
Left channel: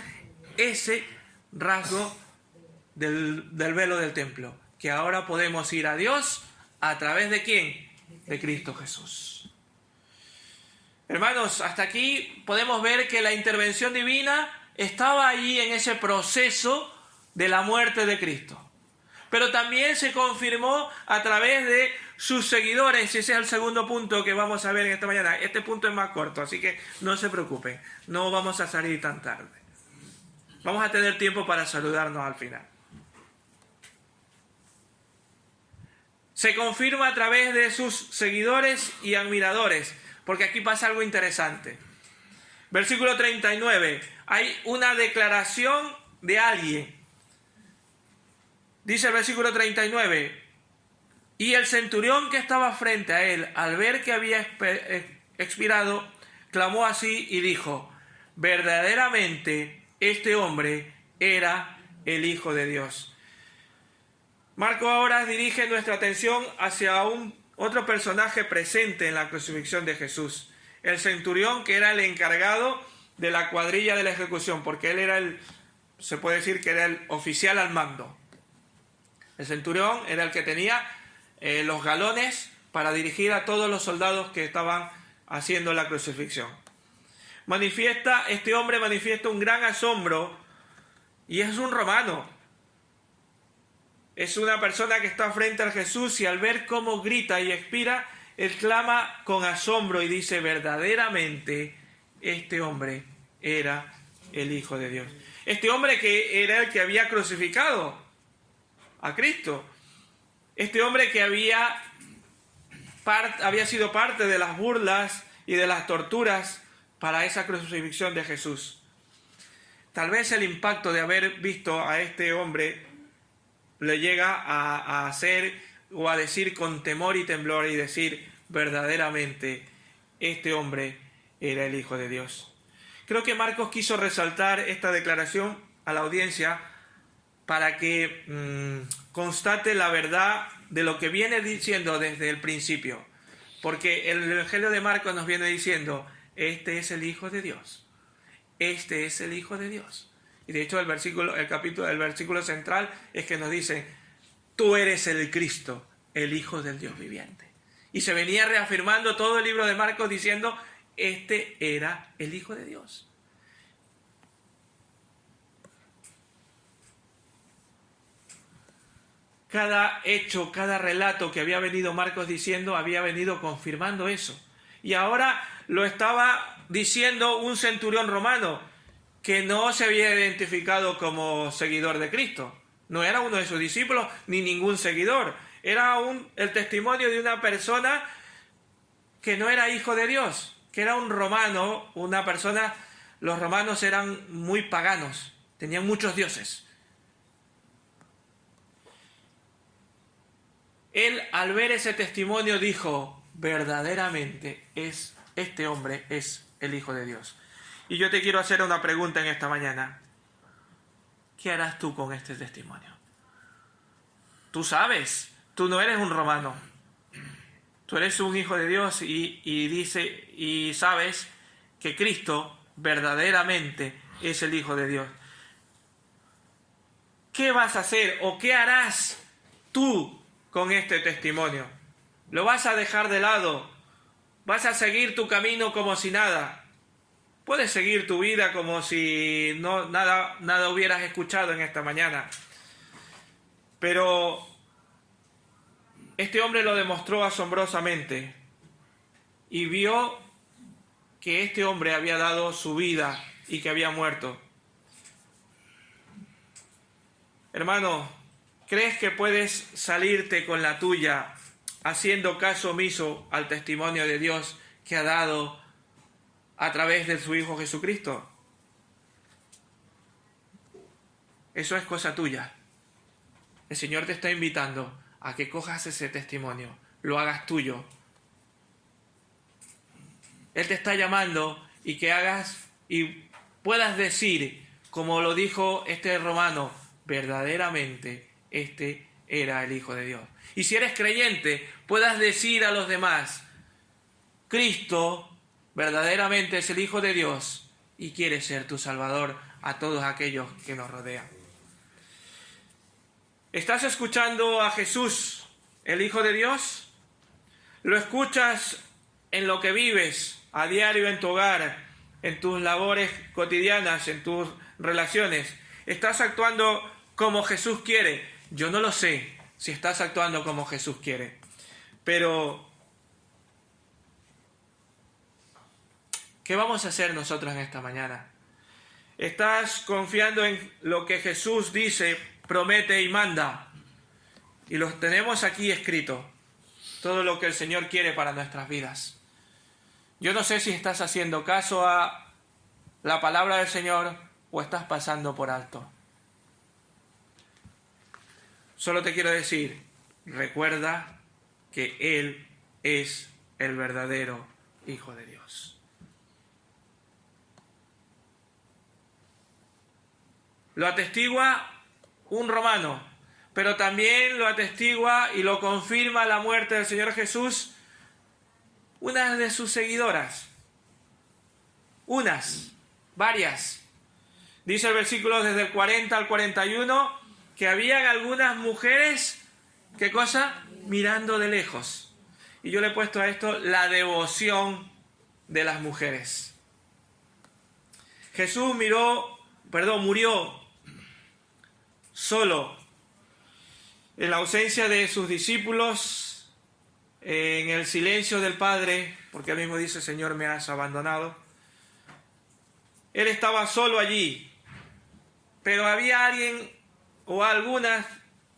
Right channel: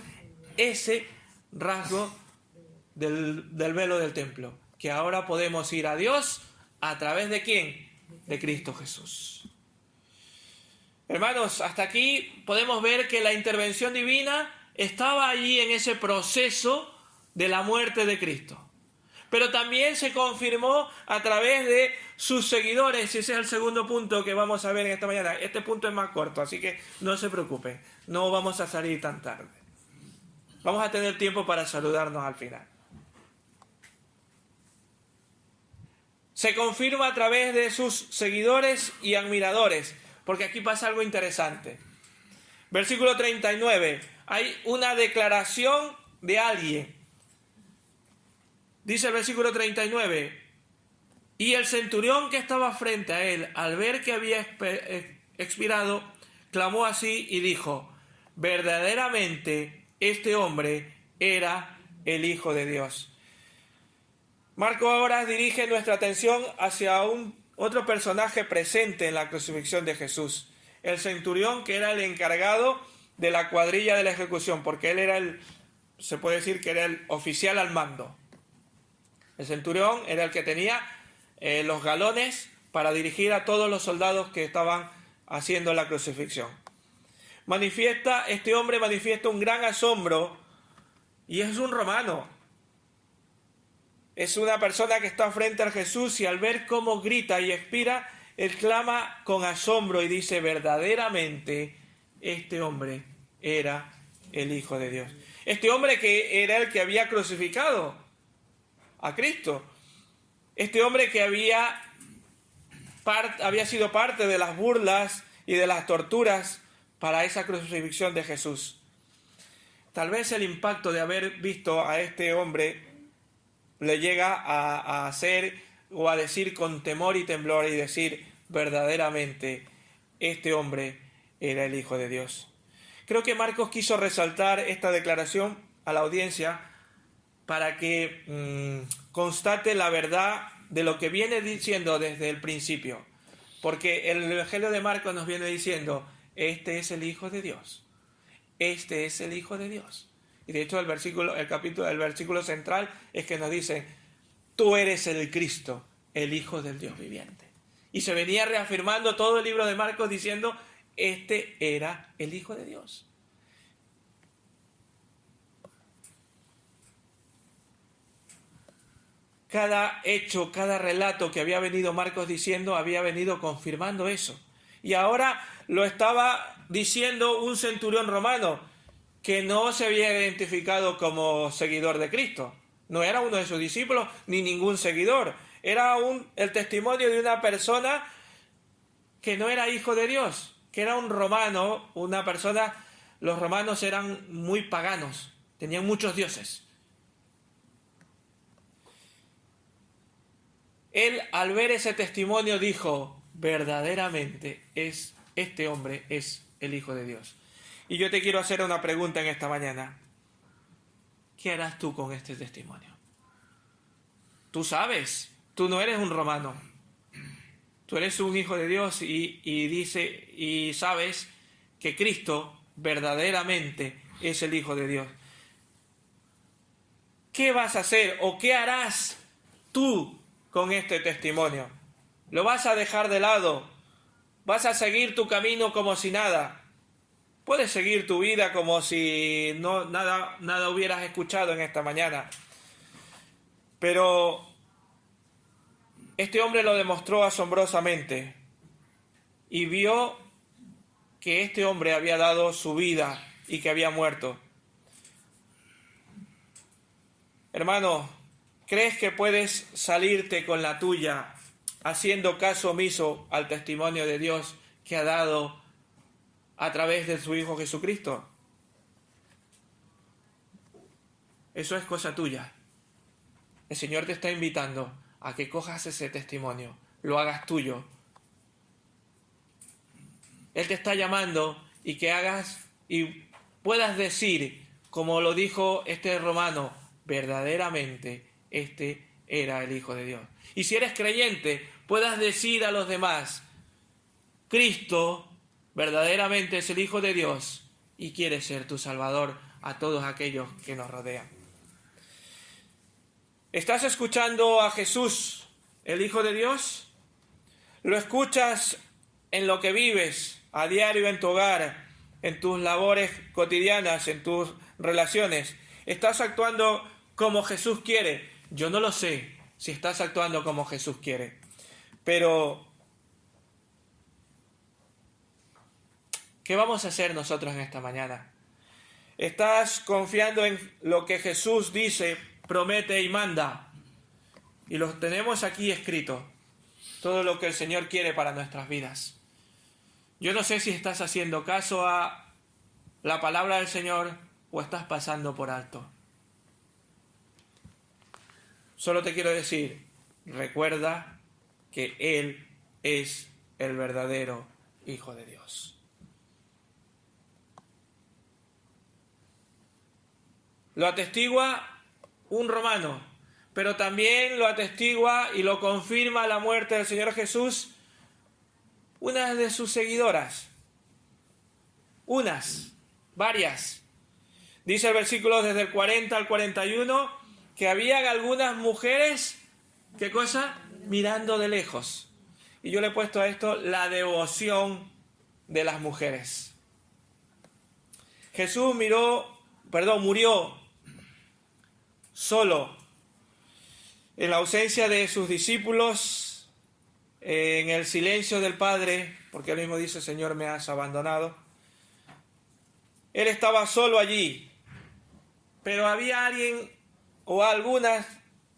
ese rasgo del velo del templo. Que ahora podemos ir a Dios a través de quién? De Cristo Jesús. Hermanos, hasta aquí podemos ver que la intervención divina estaba allí en ese proceso de la muerte de Cristo. Pero también se confirmó a través de sus seguidores, y ese es el segundo punto que vamos a ver en esta mañana. Este punto es más corto, así que no se preocupen, no vamos a salir tan tarde. Vamos a tener tiempo para saludarnos al final. Se confirma a través de sus seguidores y admiradores, porque aquí pasa algo interesante. Versículo 39, hay una declaración de alguien. Dice el versículo 39, y el centurión que estaba frente a él, al ver que había expirado, clamó así y dijo, verdaderamente este hombre era el Hijo de Dios. Marco ahora dirige nuestra atención hacia otro personaje presente en la crucifixión de Jesús. El centurión, que era el encargado de la cuadrilla de la ejecución, porque él era se puede decir que era el oficial al mando. El centurión era el que tenía los galones para dirigir a todos los soldados que estaban haciendo la crucifixión. Este hombre manifiesta un gran asombro, y es un romano. Es una persona que está frente a Jesús, y al ver cómo grita y expira, él clama con asombro y dice, verdaderamente este hombre era el Hijo de Dios. Este hombre que era el que había crucificado a Cristo. Este hombre que había sido parte de las burlas y de las torturas para esa crucifixión de Jesús. Tal vez el impacto de haber visto a este hombre le llega a hacer o a decir con temor y temblor y decir, verdaderamente este hombre era el Hijo de Dios. Creo que Marcos quiso resaltar esta declaración a la audiencia para que constate la verdad de lo que viene diciendo desde el principio. Porque el Evangelio de Marcos nos viene diciendo, este es el Hijo de Dios. Este es el Hijo de Dios. Y de hecho el versículo central es que nos dice, tú eres el Cristo, el Hijo del Dios viviente. Y se venía reafirmando todo el libro de Marcos diciendo, este era el Hijo de Dios. Cada hecho, cada relato que había venido Marcos diciendo, había venido confirmando eso. Y ahora lo estaba diciendo un centurión romano que no se había identificado como seguidor de Cristo. No era uno de sus discípulos ni ningún seguidor. Era el testimonio de una persona que no era hijo de Dios, que era un romano, una persona. Los romanos eran muy paganos, tenían muchos dioses. Él, al ver ese testimonio, dijo, verdaderamente este hombre es el Hijo de Dios. Y yo te quiero hacer una pregunta en esta mañana. ¿Qué harás tú con este testimonio? Tú sabes, tú no eres un romano. Tú eres un hijo de Dios y sabes que Cristo verdaderamente es el Hijo de Dios. ¿Qué vas a hacer o qué harás tú con este testimonio? ¿Lo vas a dejar de lado? ¿Vas a seguir tu camino como si nada? Puedes seguir tu vida como si nada hubieras escuchado en esta mañana. Pero este hombre lo demostró asombrosamente y vio que este hombre había dado su vida y que había muerto. Hermano, ¿crees que puedes salirte con la tuya haciendo caso omiso al testimonio de Dios que ha dado a través de su Hijo Jesucristo? Eso es cosa tuya. El Señor te está invitando a que cojas ese testimonio, lo hagas tuyo. Él te está llamando y que hagas y puedas decir, como lo dijo este romano, verdaderamente este era el Hijo de Dios. Y si eres creyente, puedas decir a los demás, Cristo verdaderamente es el Hijo de Dios y quiere ser tu Salvador a todos aquellos que nos rodean. ¿Estás escuchando a Jesús, el Hijo de Dios? ¿Lo escuchas en lo que vives a diario en tu hogar, en tus labores cotidianas, en tus relaciones? ¿Estás actuando como Jesús quiere? Yo no lo sé si estás actuando como Jesús quiere, pero ¿qué vamos a hacer nosotros en esta mañana? ¿Estás confiando en lo que Jesús dice, promete y manda? Y lo tenemos aquí escrito, todo lo que el Señor quiere para nuestras vidas. Yo no sé si estás haciendo caso a la palabra del Señor o estás pasando por alto. Solo te quiero decir, recuerda que Él es el verdadero Hijo de Dios. Lo atestigua un romano, pero también lo atestigua y lo confirma la muerte del Señor Jesús una de sus seguidoras. Varias. Dice el versículo desde el 40 al 41 que habían algunas mujeres, ¿qué cosa? Mirando de lejos. Y yo le he puesto a esto la devoción de las mujeres. Jesús murió solo, en la ausencia de sus discípulos, en el silencio del Padre, porque él mismo dice, Señor, me has abandonado. Él estaba solo allí, pero había alguien o algunas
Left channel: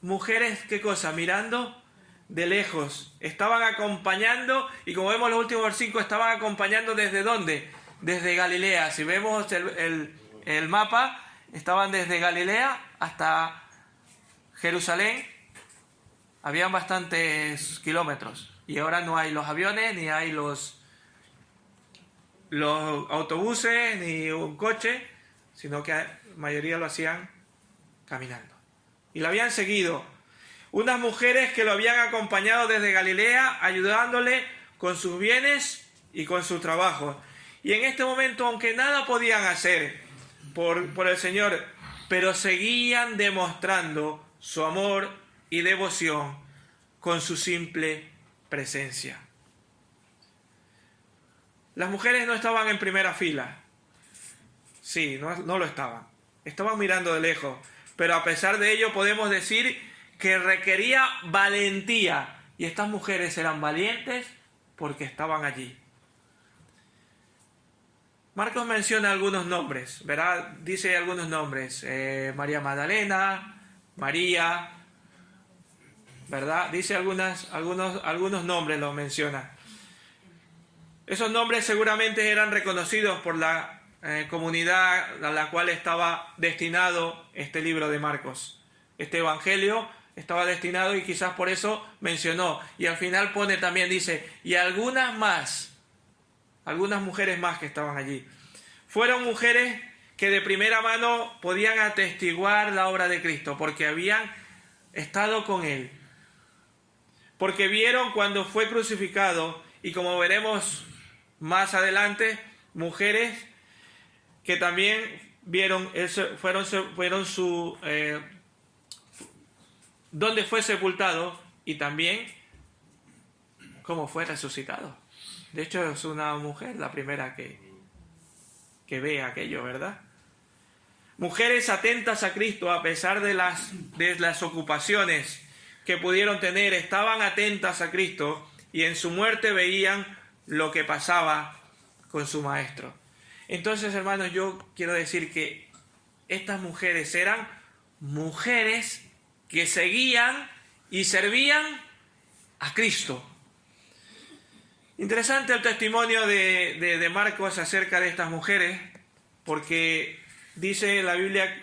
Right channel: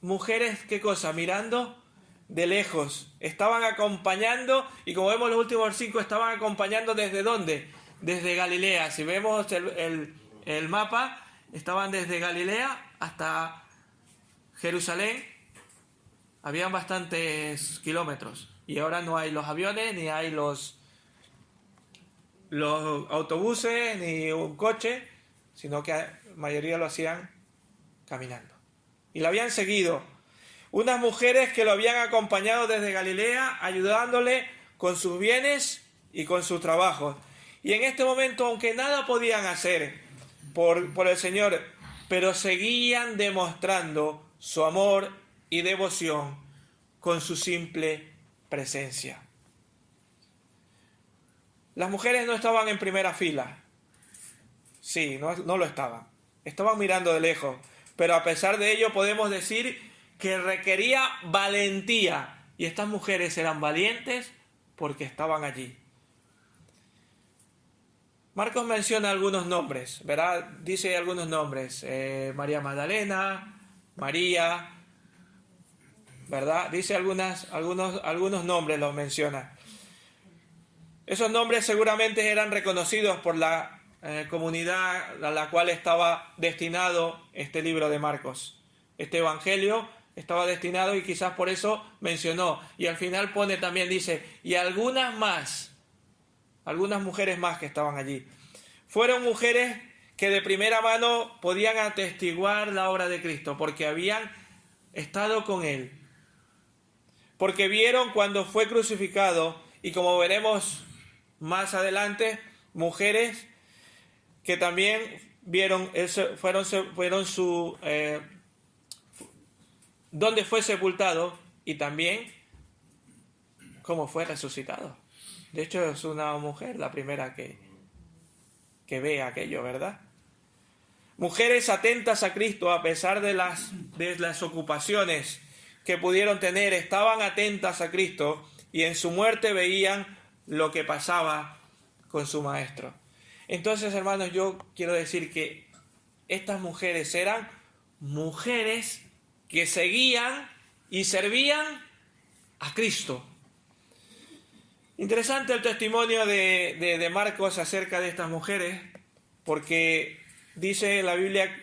mujeres, ¿qué cosa? Mirando de lejos. Estaban acompañando, y como vemos en los últimos versículos, estaban acompañando ¿desde dónde? Desde Galilea. Si vemos el mapa, estaban desde Galilea hasta Jerusalén. Habían bastantes kilómetros. Y ahora no hay los aviones, ni hay los autobuses, ni un coche, sino que la mayoría lo hacían caminando. Y lo habían seguido. Unas mujeres que lo habían acompañado desde Galilea, ayudándole con sus bienes y con sus trabajos. Y en este momento, aunque nada podían hacer por el Señor, pero seguían demostrando su amor y devoción con su simple presencia. Las mujeres no estaban en primera fila. Sí, no lo estaban. Estaban mirando de lejos. Pero a pesar de ello podemos decir que requería valentía. Y estas mujeres eran valientes porque estaban allí. Marcos menciona algunos nombres, ¿verdad? Dice algunos nombres. María Magdalena, María, ¿verdad? Dice algunos nombres, los menciona. Esos nombres seguramente eran reconocidos por la comunidad a la cual estaba destinado este libro de Marcos. Este evangelio estaba destinado y quizás por eso mencionó. Y al final pone también, dice, y algunas mujeres más que estaban allí. Fueron mujeres que de primera mano podían atestiguar la obra de Cristo, porque habían estado con Él. Porque vieron cuando fue crucificado, y como veremos más adelante, mujeres que también vieron dónde fue sepultado y también cómo fue resucitado. De hecho, es una mujer la primera que ve aquello, ¿verdad? Mujeres atentas a Cristo a pesar de las ocupaciones que pudieron tener, estaban atentas a Cristo y en su muerte veían lo que pasaba con su Maestro. Entonces, hermanos, yo quiero decir que estas mujeres eran mujeres que seguían y servían a Cristo. Interesante el testimonio de Marcos acerca de estas mujeres, porque dice la Biblia,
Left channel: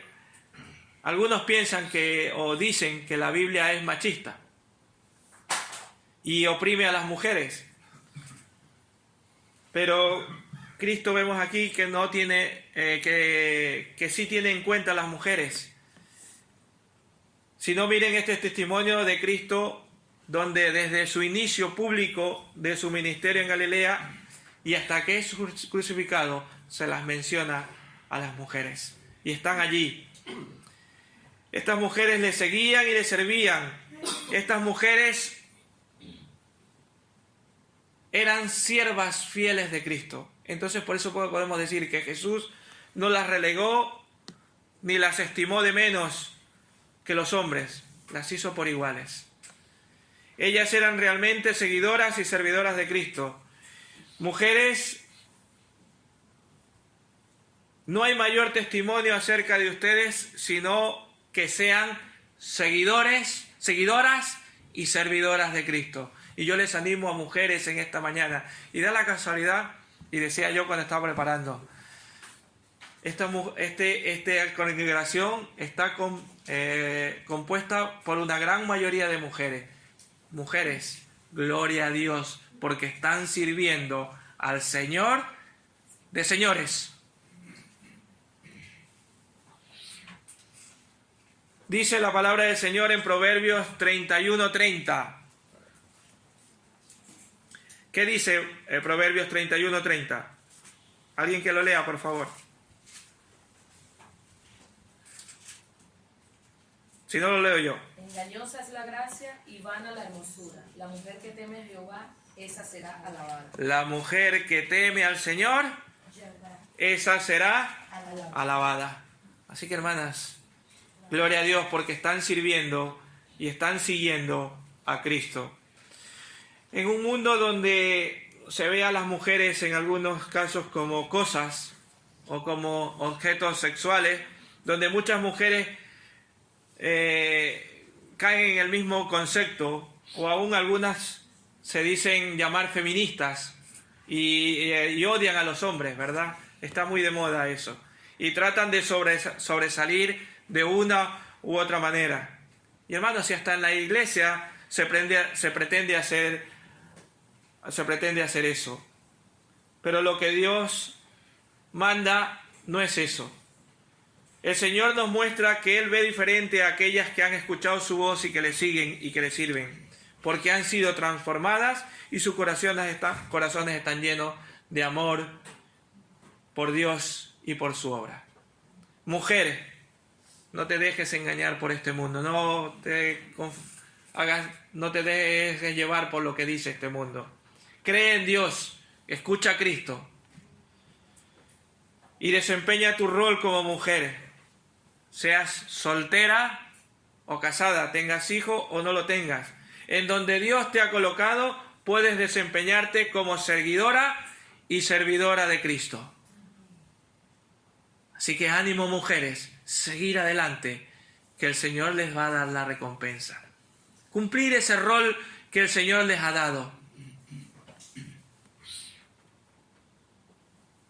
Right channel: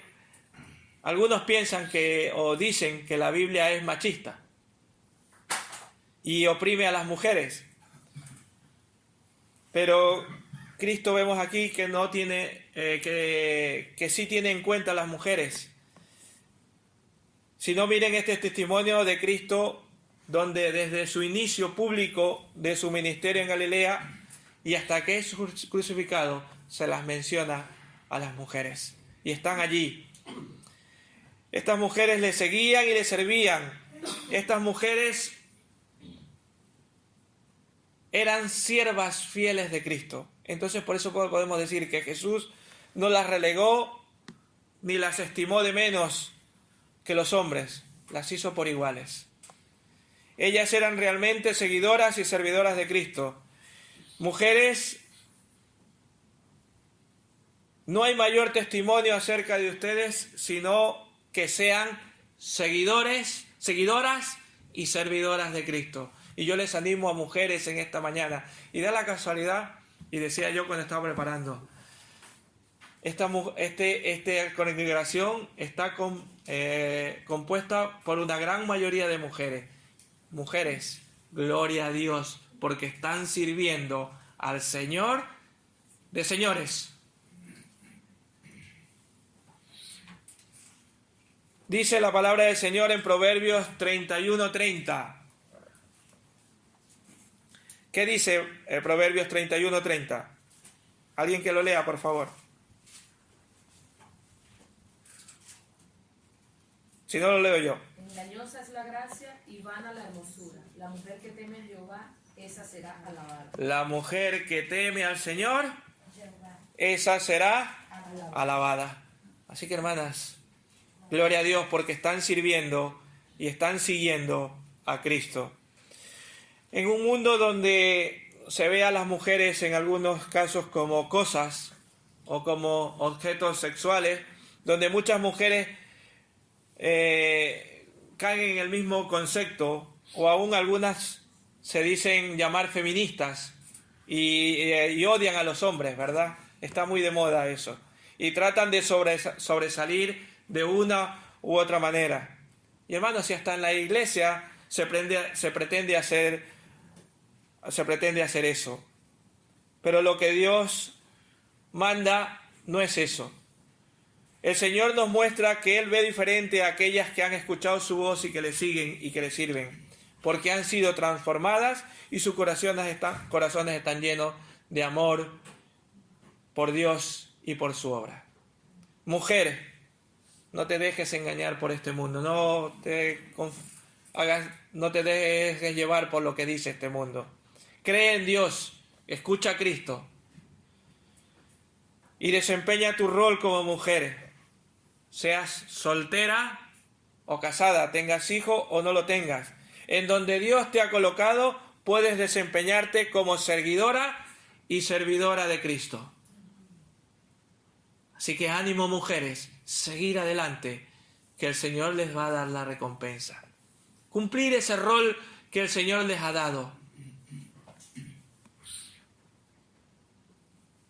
algunos piensan o dicen que la Biblia es machista y oprime a las mujeres. Pero Cristo vemos aquí que no tiene, que sí tiene en cuenta a las mujeres. Si no, miren este testimonio de Cristo, donde desde su inicio público de su ministerio en Galilea y hasta que es crucificado, se las menciona a las mujeres. Y están allí. Estas mujeres le seguían y le servían. Estas mujeres eran siervas fieles de Cristo. Entonces por eso podemos decir que Jesús no las relegó ni las estimó de menos que los hombres, las hizo por iguales. Ellas eran realmente seguidoras y servidoras de Cristo. Mujeres, no hay mayor testimonio acerca de ustedes sino que sean seguidoras y servidoras de Cristo. Y yo les animo a mujeres en esta mañana. Y da la casualidad, y decía yo cuando estaba preparando, esta congregación está compuesta por una gran mayoría de mujeres. Mujeres, gloria a Dios, porque están sirviendo al Señor de señores. Dice la palabra del Señor en Proverbios 31:30. ¿Qué dice Proverbios 31:30? Alguien que lo lea, por favor. Si no, lo leo yo. Engañosa es la gracia y vana la hermosura. La mujer que teme a Jehová, esa será alabada. La mujer que teme al Señor, esa será alabada. Así que, hermanas, gloria a Dios porque están sirviendo y están siguiendo a Cristo. En un mundo donde se ve a las mujeres en algunos casos como cosas o como objetos sexuales, donde muchas mujeres caen en el mismo concepto, o aún algunas se dicen llamar feministas y odian a los hombres, ¿verdad? Está muy de moda eso. Y tratan de sobresalir de una u otra manera. Y hermanos, si hasta en la iglesia se pretende hacer eso. Pero lo que Dios manda no es eso. El Señor nos muestra que Él ve diferente a aquellas que han escuchado su voz y que le siguen y que le sirven, porque han sido transformadas y sus corazones están llenos de amor por Dios y por su obra. Mujer, no te dejes engañar por este mundo, no te dejes llevar por lo que dice este mundo. Cree en Dios, escucha a Cristo y desempeña tu rol como mujer. Seas soltera o casada, tengas hijo o no lo tengas. En donde Dios te ha colocado, puedes desempeñarte como seguidora y servidora de Cristo. Así que ánimo, mujeres, seguir adelante, que el Señor les va a dar la recompensa. Cumplir ese rol que el Señor les ha dado.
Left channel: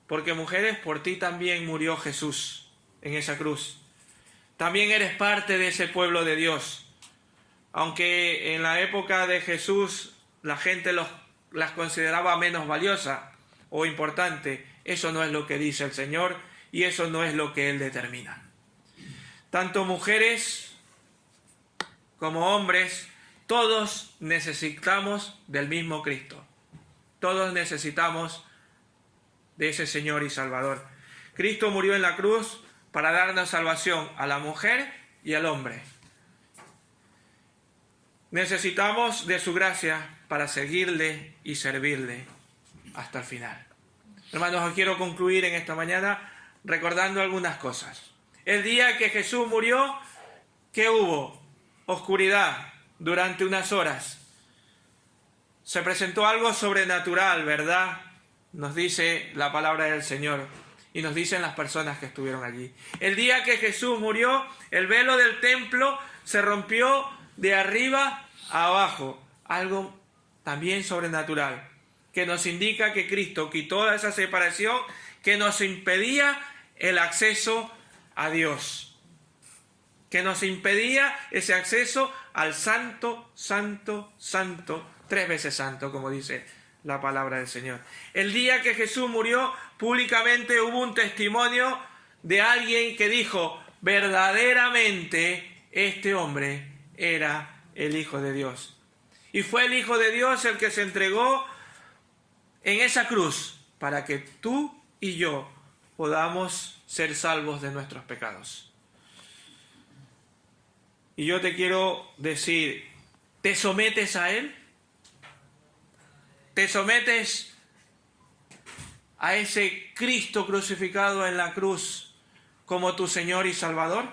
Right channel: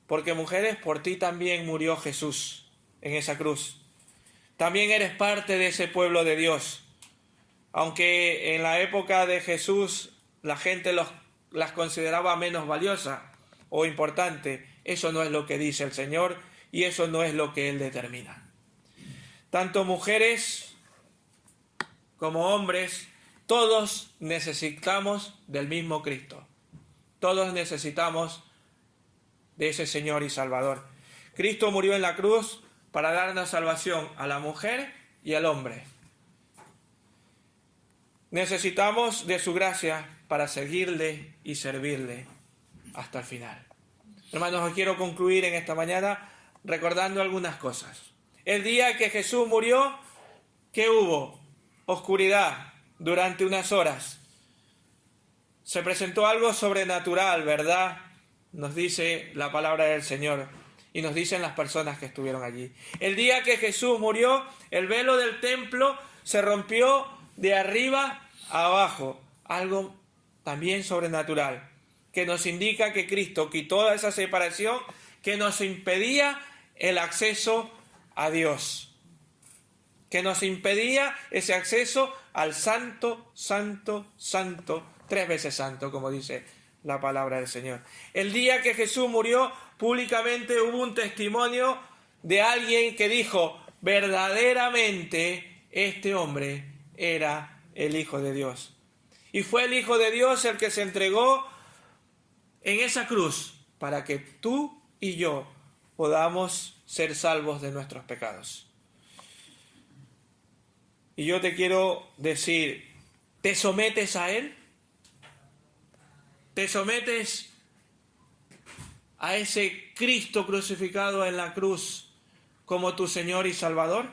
Porque mujeres, por ti también murió Jesús en esa cruz. También eres parte de ese pueblo de Dios. Aunque en la época de Jesús la gente las consideraba menos valiosas o importantes, eso no es lo que dice el Señor y eso no es lo que Él determina. Tanto mujeres como hombres, todos necesitamos del mismo Cristo. Todos necesitamos de ese Señor y Salvador. Cristo murió en la cruz para darnos salvación a la mujer y al hombre. Necesitamos de su gracia para seguirle y servirle hasta el final. Hermanos, os quiero concluir en esta mañana recordando algunas cosas. El día que Jesús murió, ¿qué hubo? Oscuridad durante unas horas. Se presentó algo sobrenatural, ¿verdad? Nos dice la palabra del Señor. Y nos dicen las personas que estuvieron allí. El día que Jesús murió, el velo del templo se rompió de arriba a abajo. Algo también sobrenatural, que nos indica que Cristo quitó esa separación que nos impedía el acceso a Dios. Que nos impedía ese acceso al santo, santo, santo, 3 veces santo, como dice la palabra del Señor. El día que Jesús murió, públicamente hubo un testimonio de alguien que dijo, verdaderamente este hombre era el Hijo de Dios. Y fue el Hijo de Dios el que se entregó en esa cruz para que tú y yo podamos ser salvos de nuestros pecados. Y yo te quiero decir, ¿te sometes a Él? ¿Te sometes a ese Cristo crucificado en la cruz como tu Señor y Salvador?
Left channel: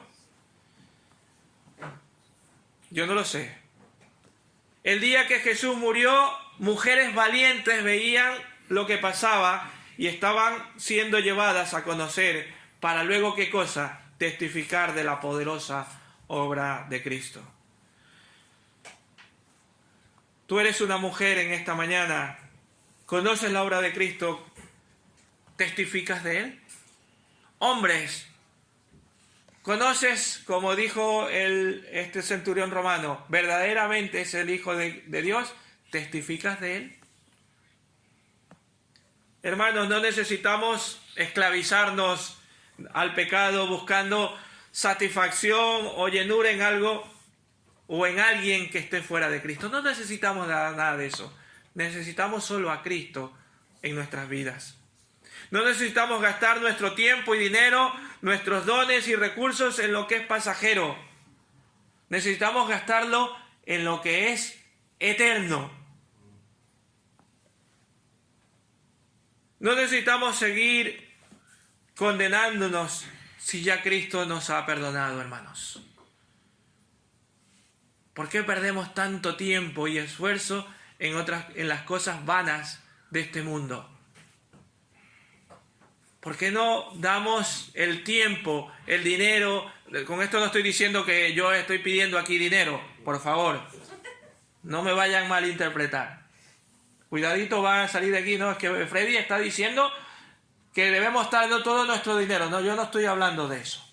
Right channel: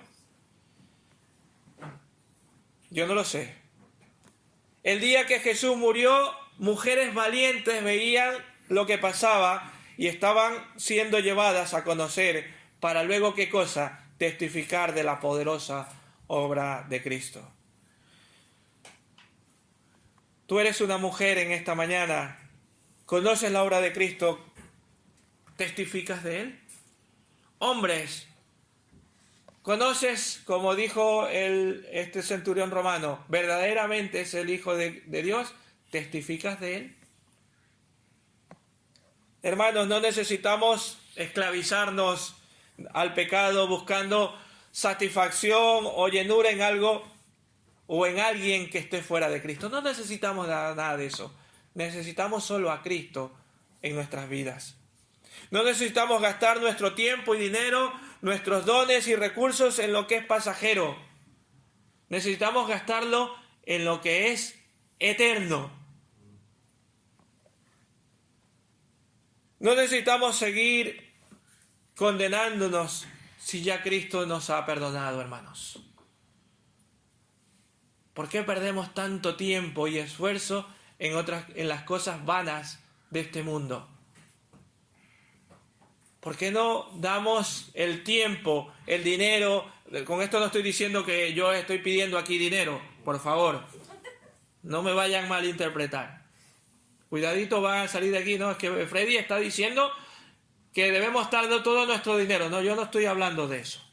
Yo no lo sé. El día que Jesús murió, mujeres valientes veían lo que pasaba y estaban siendo llevadas a conocer para luego, ¿qué cosa? Testificar de la poderosa obra de Cristo. Tú eres una mujer en esta mañana, conoces la obra de Cristo, ¿testificas de Él? Hombres, ¿conoces, como dijo este centurión romano, verdaderamente es el Hijo de Dios? ¿Testificas de Él? Hermanos, no necesitamos esclavizarnos al pecado buscando satisfacción o llenura en algo o en alguien que esté fuera de Cristo. No necesitamos nada de eso. Necesitamos solo a Cristo en nuestras vidas. No necesitamos gastar nuestro tiempo y dinero, nuestros dones y recursos en lo que es pasajero. Necesitamos gastarlo en lo que es eterno. No necesitamos seguir condenándonos si ya Cristo nos ha perdonado, hermanos. ¿Por qué perdemos tanto tiempo y esfuerzo en las cosas vanas de este mundo? ¿Por qué no damos el tiempo, el dinero? Con esto no estoy diciendo que yo estoy pidiendo aquí dinero, por favor. No me vayan a malinterpretar. Cuidadito, van a salir de aquí. No, es que Freddy está diciendo que debemos estar dando todo nuestro dinero. No, yo no estoy hablando de eso.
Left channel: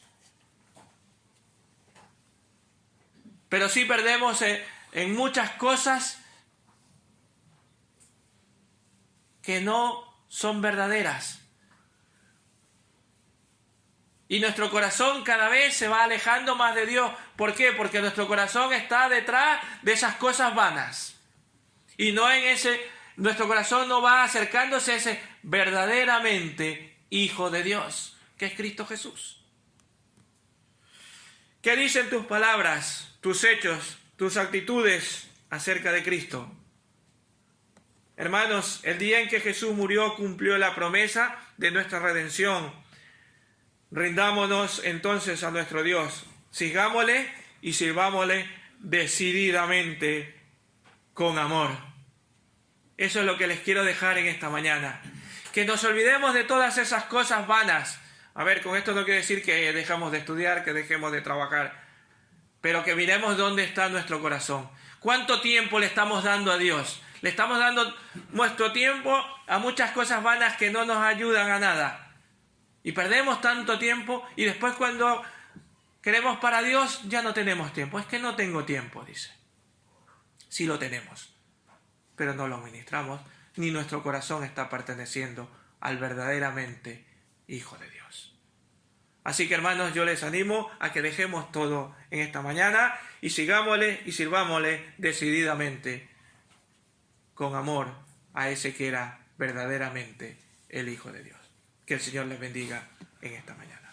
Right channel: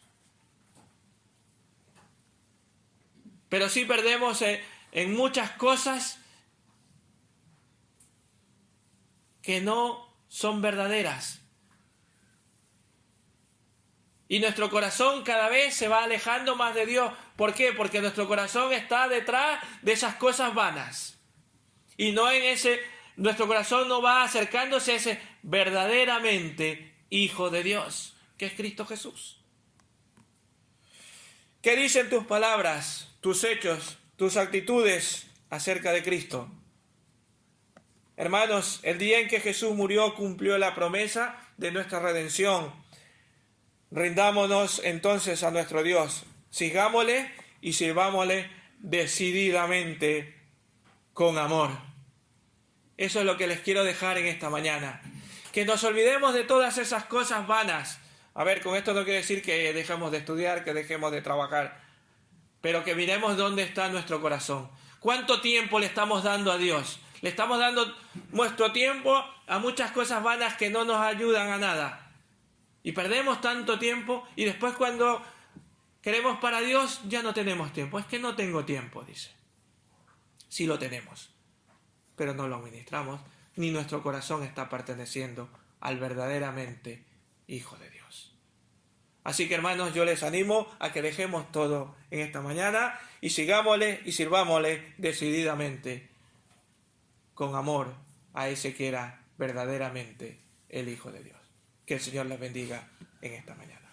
Pero sí perdemos en muchas cosas que no son verdaderas. Y nuestro corazón cada vez se va alejando más de Dios. ¿Por qué? Porque nuestro corazón está detrás de esas cosas vanas. Y no nuestro corazón no va acercándose a ese verdaderamente Hijo de Dios, que es Cristo Jesús. ¿Qué dicen tus palabras, tus hechos, tus actitudes acerca de Cristo? Hermanos, el día en que Jesús murió cumplió la promesa de nuestra redención. Rindámonos entonces a nuestro Dios, sigámosle y sirvámosle decididamente con amor. Eso es lo que les quiero dejar en esta mañana. Que nos olvidemos de todas esas cosas vanas. A ver, con esto no quiere decir que dejemos de estudiar, que dejemos de trabajar, pero que miremos dónde está nuestro corazón. ¿Cuánto tiempo le estamos dando a Dios? Le estamos dando nuestro tiempo a muchas cosas vanas que no nos ayudan a nada. Y perdemos tanto tiempo y después cuando queremos para Dios ya no tenemos tiempo. Es que no tengo tiempo, dice. Sí lo tenemos, pero no lo administramos, ni nuestro corazón está perteneciendo al verdaderamente Hijo de Dios. Así que, hermanos, yo les animo a que dejemos todo en esta mañana y sigámosle y sirvámosle decididamente con amor a ese que era verdaderamente el Hijo de Dios. Que el Señor les bendiga en esta mañana.